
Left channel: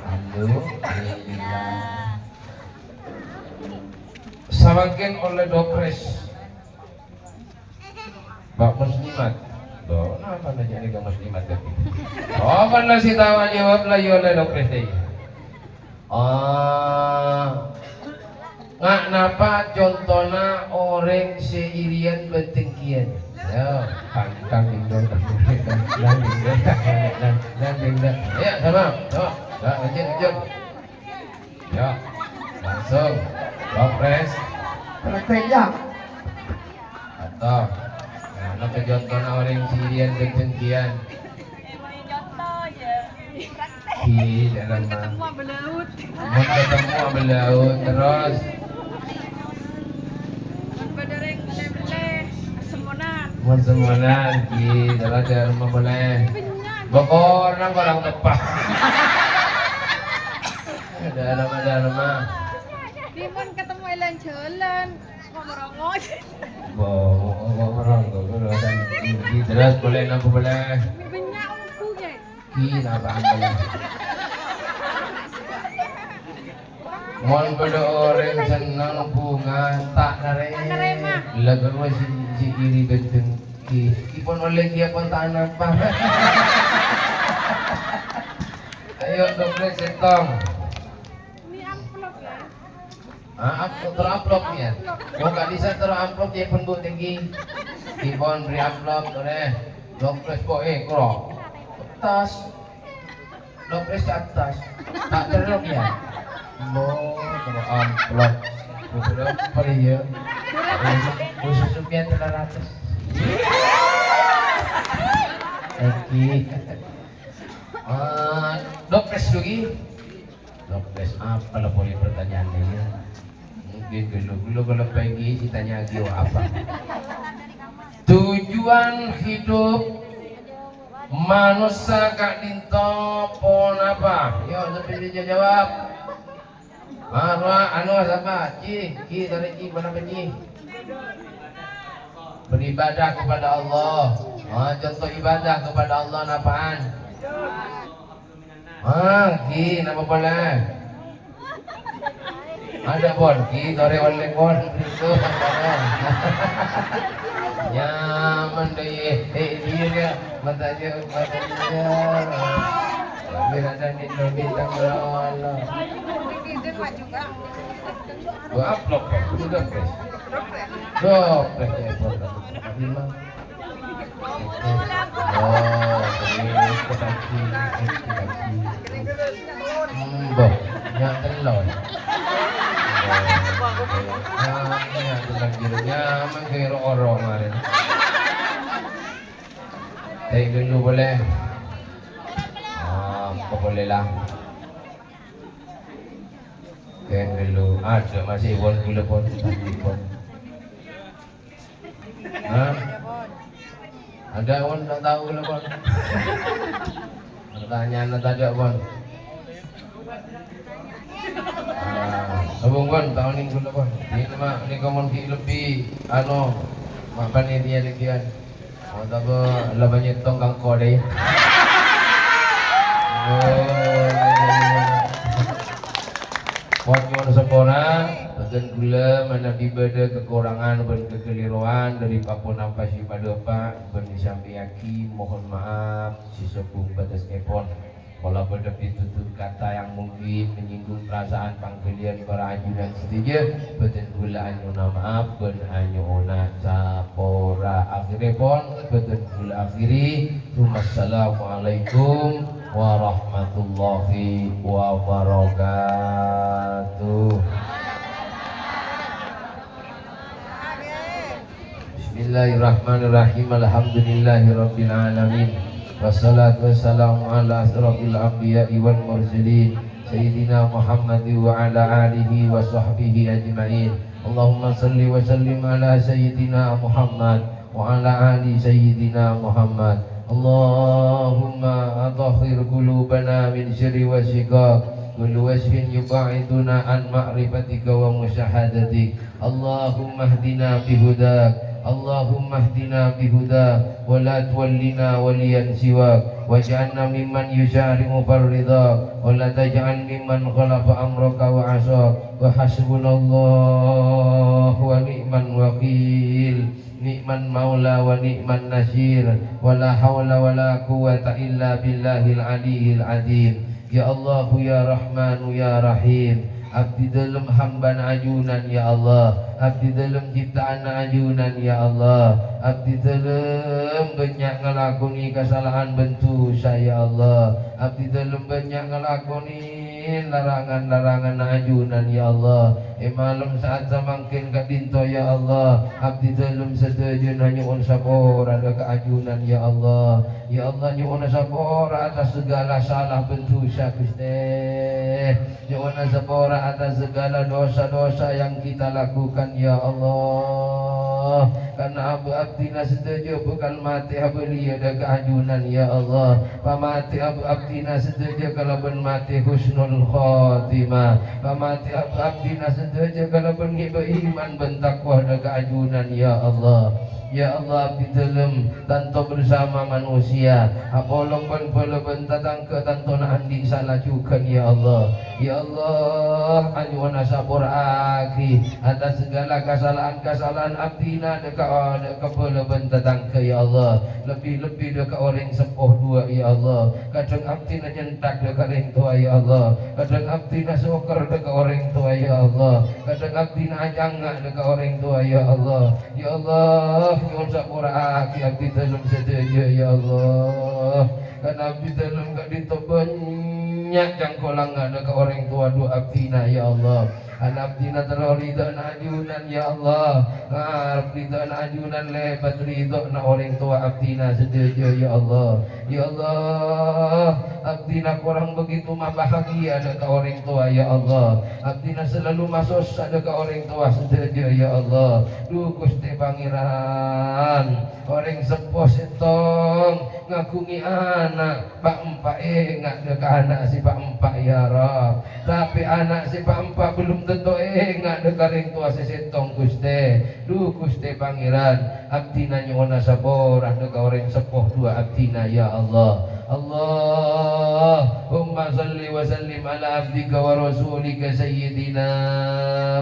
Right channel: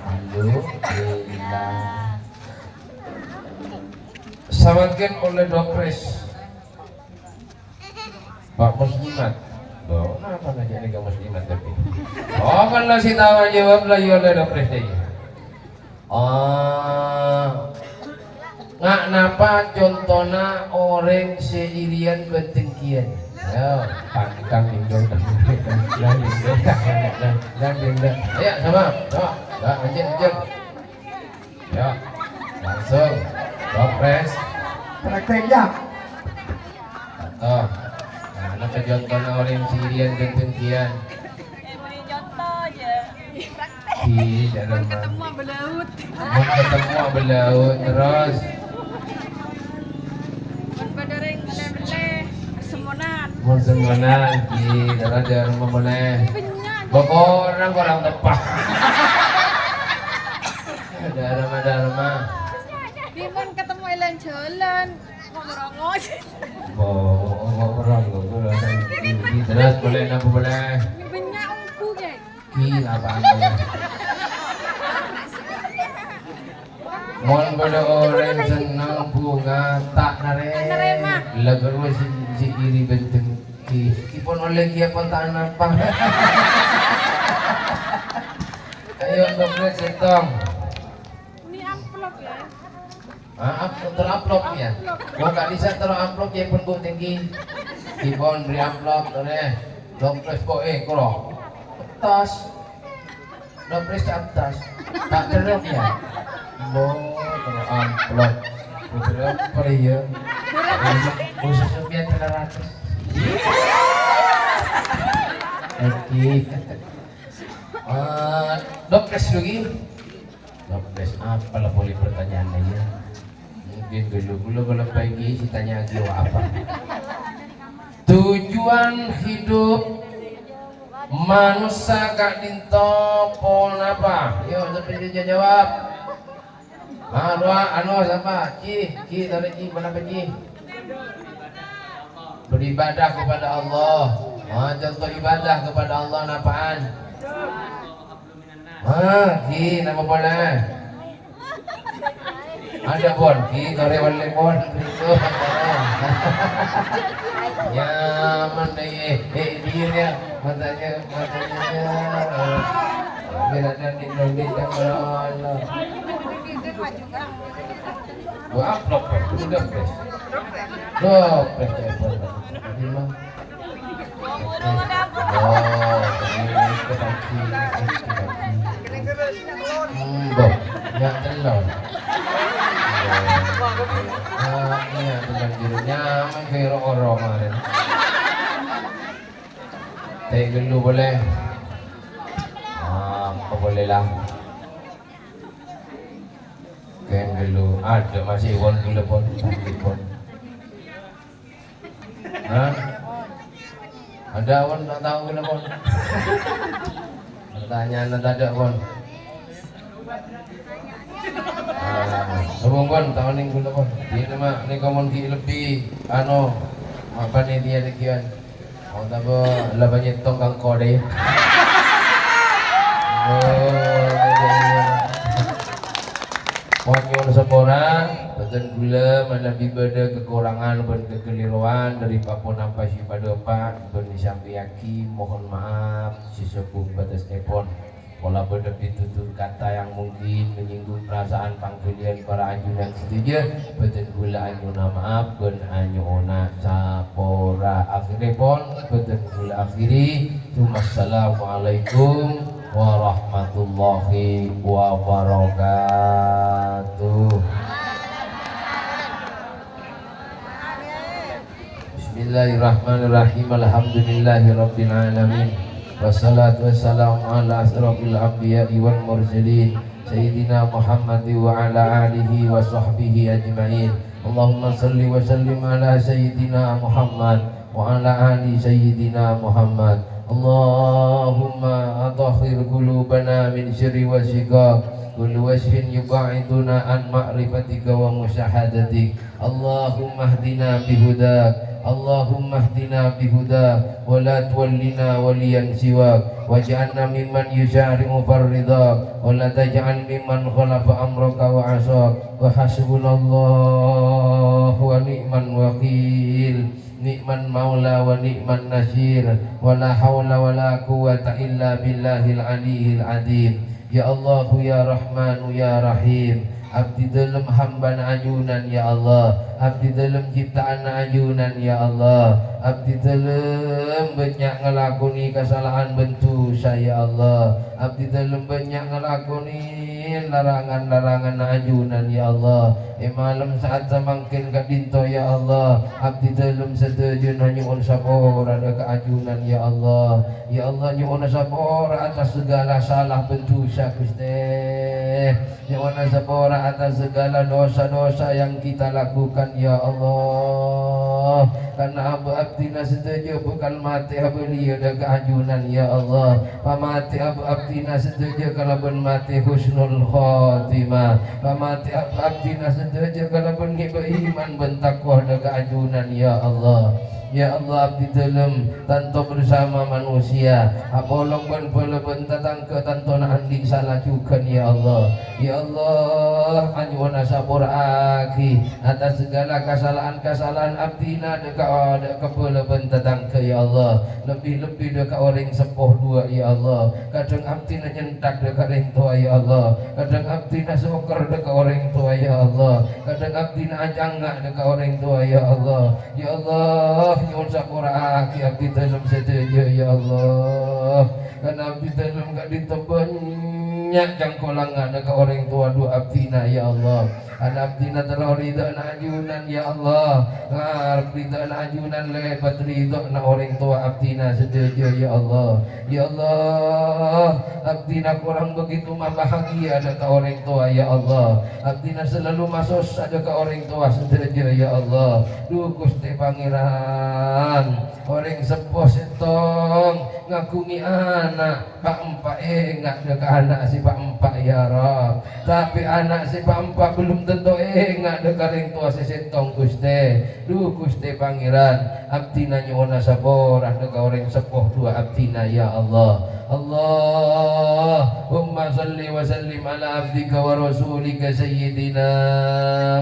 alhamdulillah samakan oleh dopres Pak Muslimat doa apa aja nih Pak Muslimat tapi apa lah si tawa jawab lah oleh dopres aja nggak napa contohnya orang seirian betengkian ya pantang tinggal dan ayo sama lanjut So, Dopres. Praktek ya. Atau, nah, contoh na orang Sirian kencengkian. Di dalam Ketemu belaut. mau ketemu belaut terus. Badare ngale-ngale semonan. Mau semuanan di ada rumah boleh. Banyak. Orang tepat. Ada rumah. Dimon ketemu Elan jalan. Ngomong-ngomong. Bawa orang di terus boleh apa boleh. Banyak aku kan. Apa anda? Mon pada orang senang bunga tak nare. Lagar si iri benteng ipon oleh dia pun tak nampak. Ayo Dopres setong. Ini amplop ya. Teramplop ya. Kau tak bisa teramplop dia pun bu tinggi. Ipon beri amplop oleh Dopres boe koro. Atas. Dopres ke atas. Tak teruk ya. Kalau amplop. Betul kali ya. Khususnya 300. Oke. Dopres lagi. Dopres apa lah boleh pertanyaannya ya? Mungkin dulu kalau pagi si tanya lagi apa? Tujuan hidup manusia kak dinto pon apa? Yuk sampai dia jawab. Marwa siapa? Ci tadi Ci mana Ci? Beribadah kepada Allah. Contoh ibadah kepada Allah apaan? Ki nama boleh. Ada pon, ki tore oleh pon itu. Ya mendaya dia matanya. Berada di bintang Allah. Gua upload sudah guys. Yang telur. Yang telur jirnya mengkira orang kemarin. Teh dulu boleh. Apa boleh lah. Kain dulu ada masih iwan telepon. Ada pun tak tahu telepon. Pertanyaan tak ada pun. Sebelum pun tahun ini gula pun. Di nama ni kamu di lebih apa ni dia dekian. Tak apa lah banyak tongkang kode. Wakil sempurna, tentu gula menabi pada kekurangan dan kekeliruan dari papun apa si pada pak bernisambiaki mohon maaf si sepung batas epon. Walau pada ditutur kata yang mungkin menyinggung perasaan pangkalian para ajudan setuju, betul gula anyuna maaf dan anyuna capora akhirnya pon betul gula akhiri. Assalamualaikum warahmatullahi wabarakatuh. Bismillahirrahmanirrahim. Alhamdulillahirabbil alamin. Wassalatu wassalamu ala asrofil anbiya'i wal mursalin Sayyidina Muhammad wa ala alihi wa sahbihi ajma'in. Allahumma salli wa sallim ala Sayyidina Muhammad wa ala ali Sayyidina Muhammad. Allahumma adhhir qulubana min syirri wa shiqaq kullu wasfin yub'iduna an ma'rifatika wa musyahadatik. Allahumma hdina bihudak. Allahumma hdina bihudak wa la tuwallina waliyan siwak waj'alna mimman yusyari'u farridha wa la taj'al mimman khalafa amraka wa asak wa hasbunallahu wa ni'man wakil ni'man maula wa ni'man nasir wa la hawla wa la quwwata illa billahil aliyyil azim. Ya Allah ya Rahman ya Rahim, abdi dalam hamba ajunan ya Allah, abdi dalam ciptaan ajunan ya Allah, abdi telem banyak ngelakoni kesalahan bentuk saya Allah, abdi telem banyak ngelakoni larangan-larangan ajunan ya Allah. Malam saat semakin kadinto ya Allah, abdi telem setuju nyuwun sapora ada keajunan ya Allah. Ya Allah nyuwun sapora atas segala salah bentusa Gusti, nyuwun sapora atas segala dosa-dosa yang kita lakukan ya Allah. Karena abdina setuju bukan mati abli ada keajunan ya Allah. Pamati abdina setuju kalau pun mati husnul khotimah, pamati abdina setuju kalau pun iman bentakwa ada keajunan ya Allah. Ya Allah abdi telem tanto bersama manusia apolong ben tatang ke tanto andi salah juga ya Allah. Ya Allah anyuan sabur aki atas segala kesalahan abdina deka ben tatang ke ya Allah. Lebih-lebih deka orang sepuh dua ya Allah. Kadang abdina nyentak deka orang tua ya Allah. Kadang abdina soker deka orang tua ya Allah. Kadang abdina ajangga deka orang tua ya Allah. Ya Allah nyuwun sapura aki abdi dalam setuju ya Allah. Karena abdi dalam gak banyak yang kolangan ke orang tua dua abdina ya Allah. Anak abdina terorida na ajunan ya Allah. Ngarep rida na ajunan lebat ridho na orang tua abdina setuju ya Allah. Ya Allah abdina kurang begitu mah bahagia ada ke orang tua ya Allah. Abdina selalu masuk ada ke orang tua setuju ya Allah. Duh Gusti Pangeran orang sepuh setong ngakungi anak pak empat ingat deka anak si pak empat ya Rab. Tapi anak si pak empat belum tentu ingat deka ring tua si setong Gusti. Duh Gusti Pangeran abdina nyuwun saborah deka orang sepuh dua abdina ya Allah. Allahumma salli wa sallim ala abdika wa rasulika sayyidina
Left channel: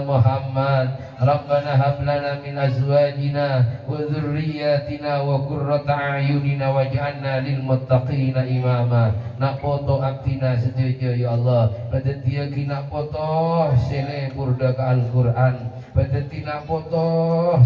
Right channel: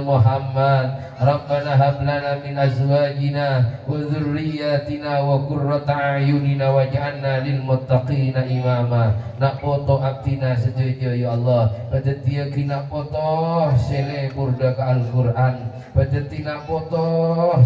Muhammad. Rabbana hab lana min azwajina wa dhurriyyatina wa qurrata a'yunina waj'alna lil muttaqina imama. Nak foto abdina setuju ya Allah. Pada dia kina foto selebur deka Al-Qur'an. Pada tina foto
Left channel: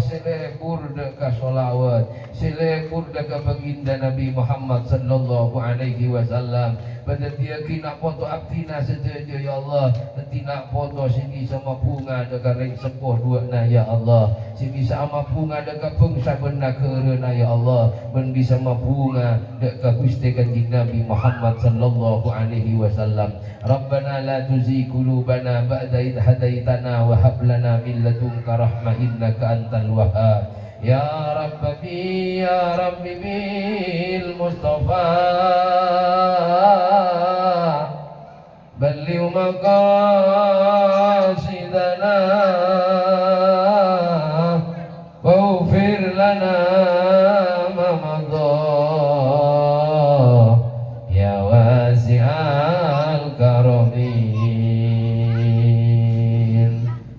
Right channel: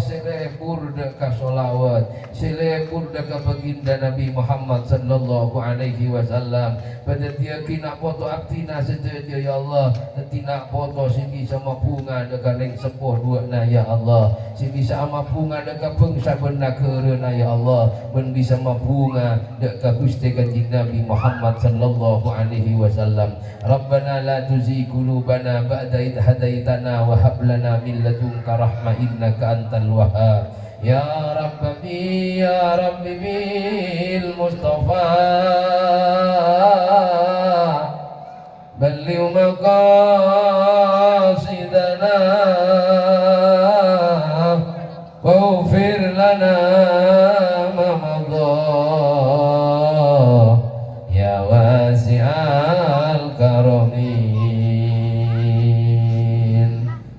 selebur deka solawat. Selebur deka baginda Nabi Muhammad sallallahu alaihi wasallam. Pada dia kina foto abdina setuju ya Allah. Tina foto sini sama bunga deka ring sepuh dua na ya Allah. Sini sama bunga deka bangsa benda kerana ya Allah. Ben bisa mabunga deka Gusti Kanjeng Nabi Muhammad sallallahu alaihi wasallam. Rabbana la tuzigh qulubana ba'da idh hadaitana wa hab lana min ladunka rahmah innaka antal wahhab. Ya Rabbi ya Rabbi bil Mustafa balligh maqasidana waghfir lana ma madha ya wasi'al karamin.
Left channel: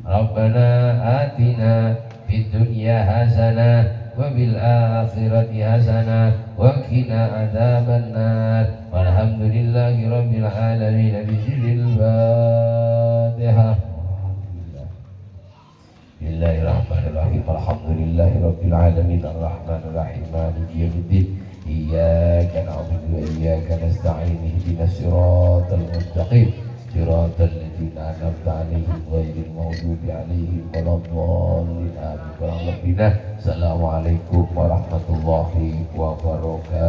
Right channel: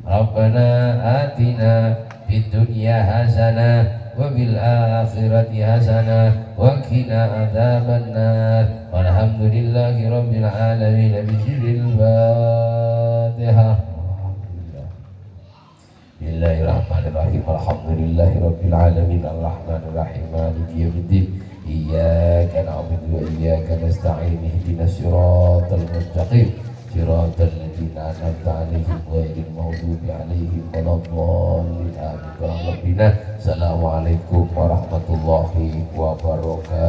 Rabbana atina fid dunya hasanah wa bil akhirati hasanah wa qina adzabannar. Walhamdulillahi rabbil alamin. Bismillahil Fatihah. Bismillahirrahmanirrahim. Alhamdulillahi rabbil alamin. Arrahmanir rahim. Maliki yaumiddin. Iyyaka na'budu wa iyyaka nasta'in. Ihdinas siratal mustaqim. Siratal ladzina an'amta 'alaihim ghairil maghdubi 'alaihim waladdallin. Amin. Assalamualaikum warahmatullahi wabarakatuh.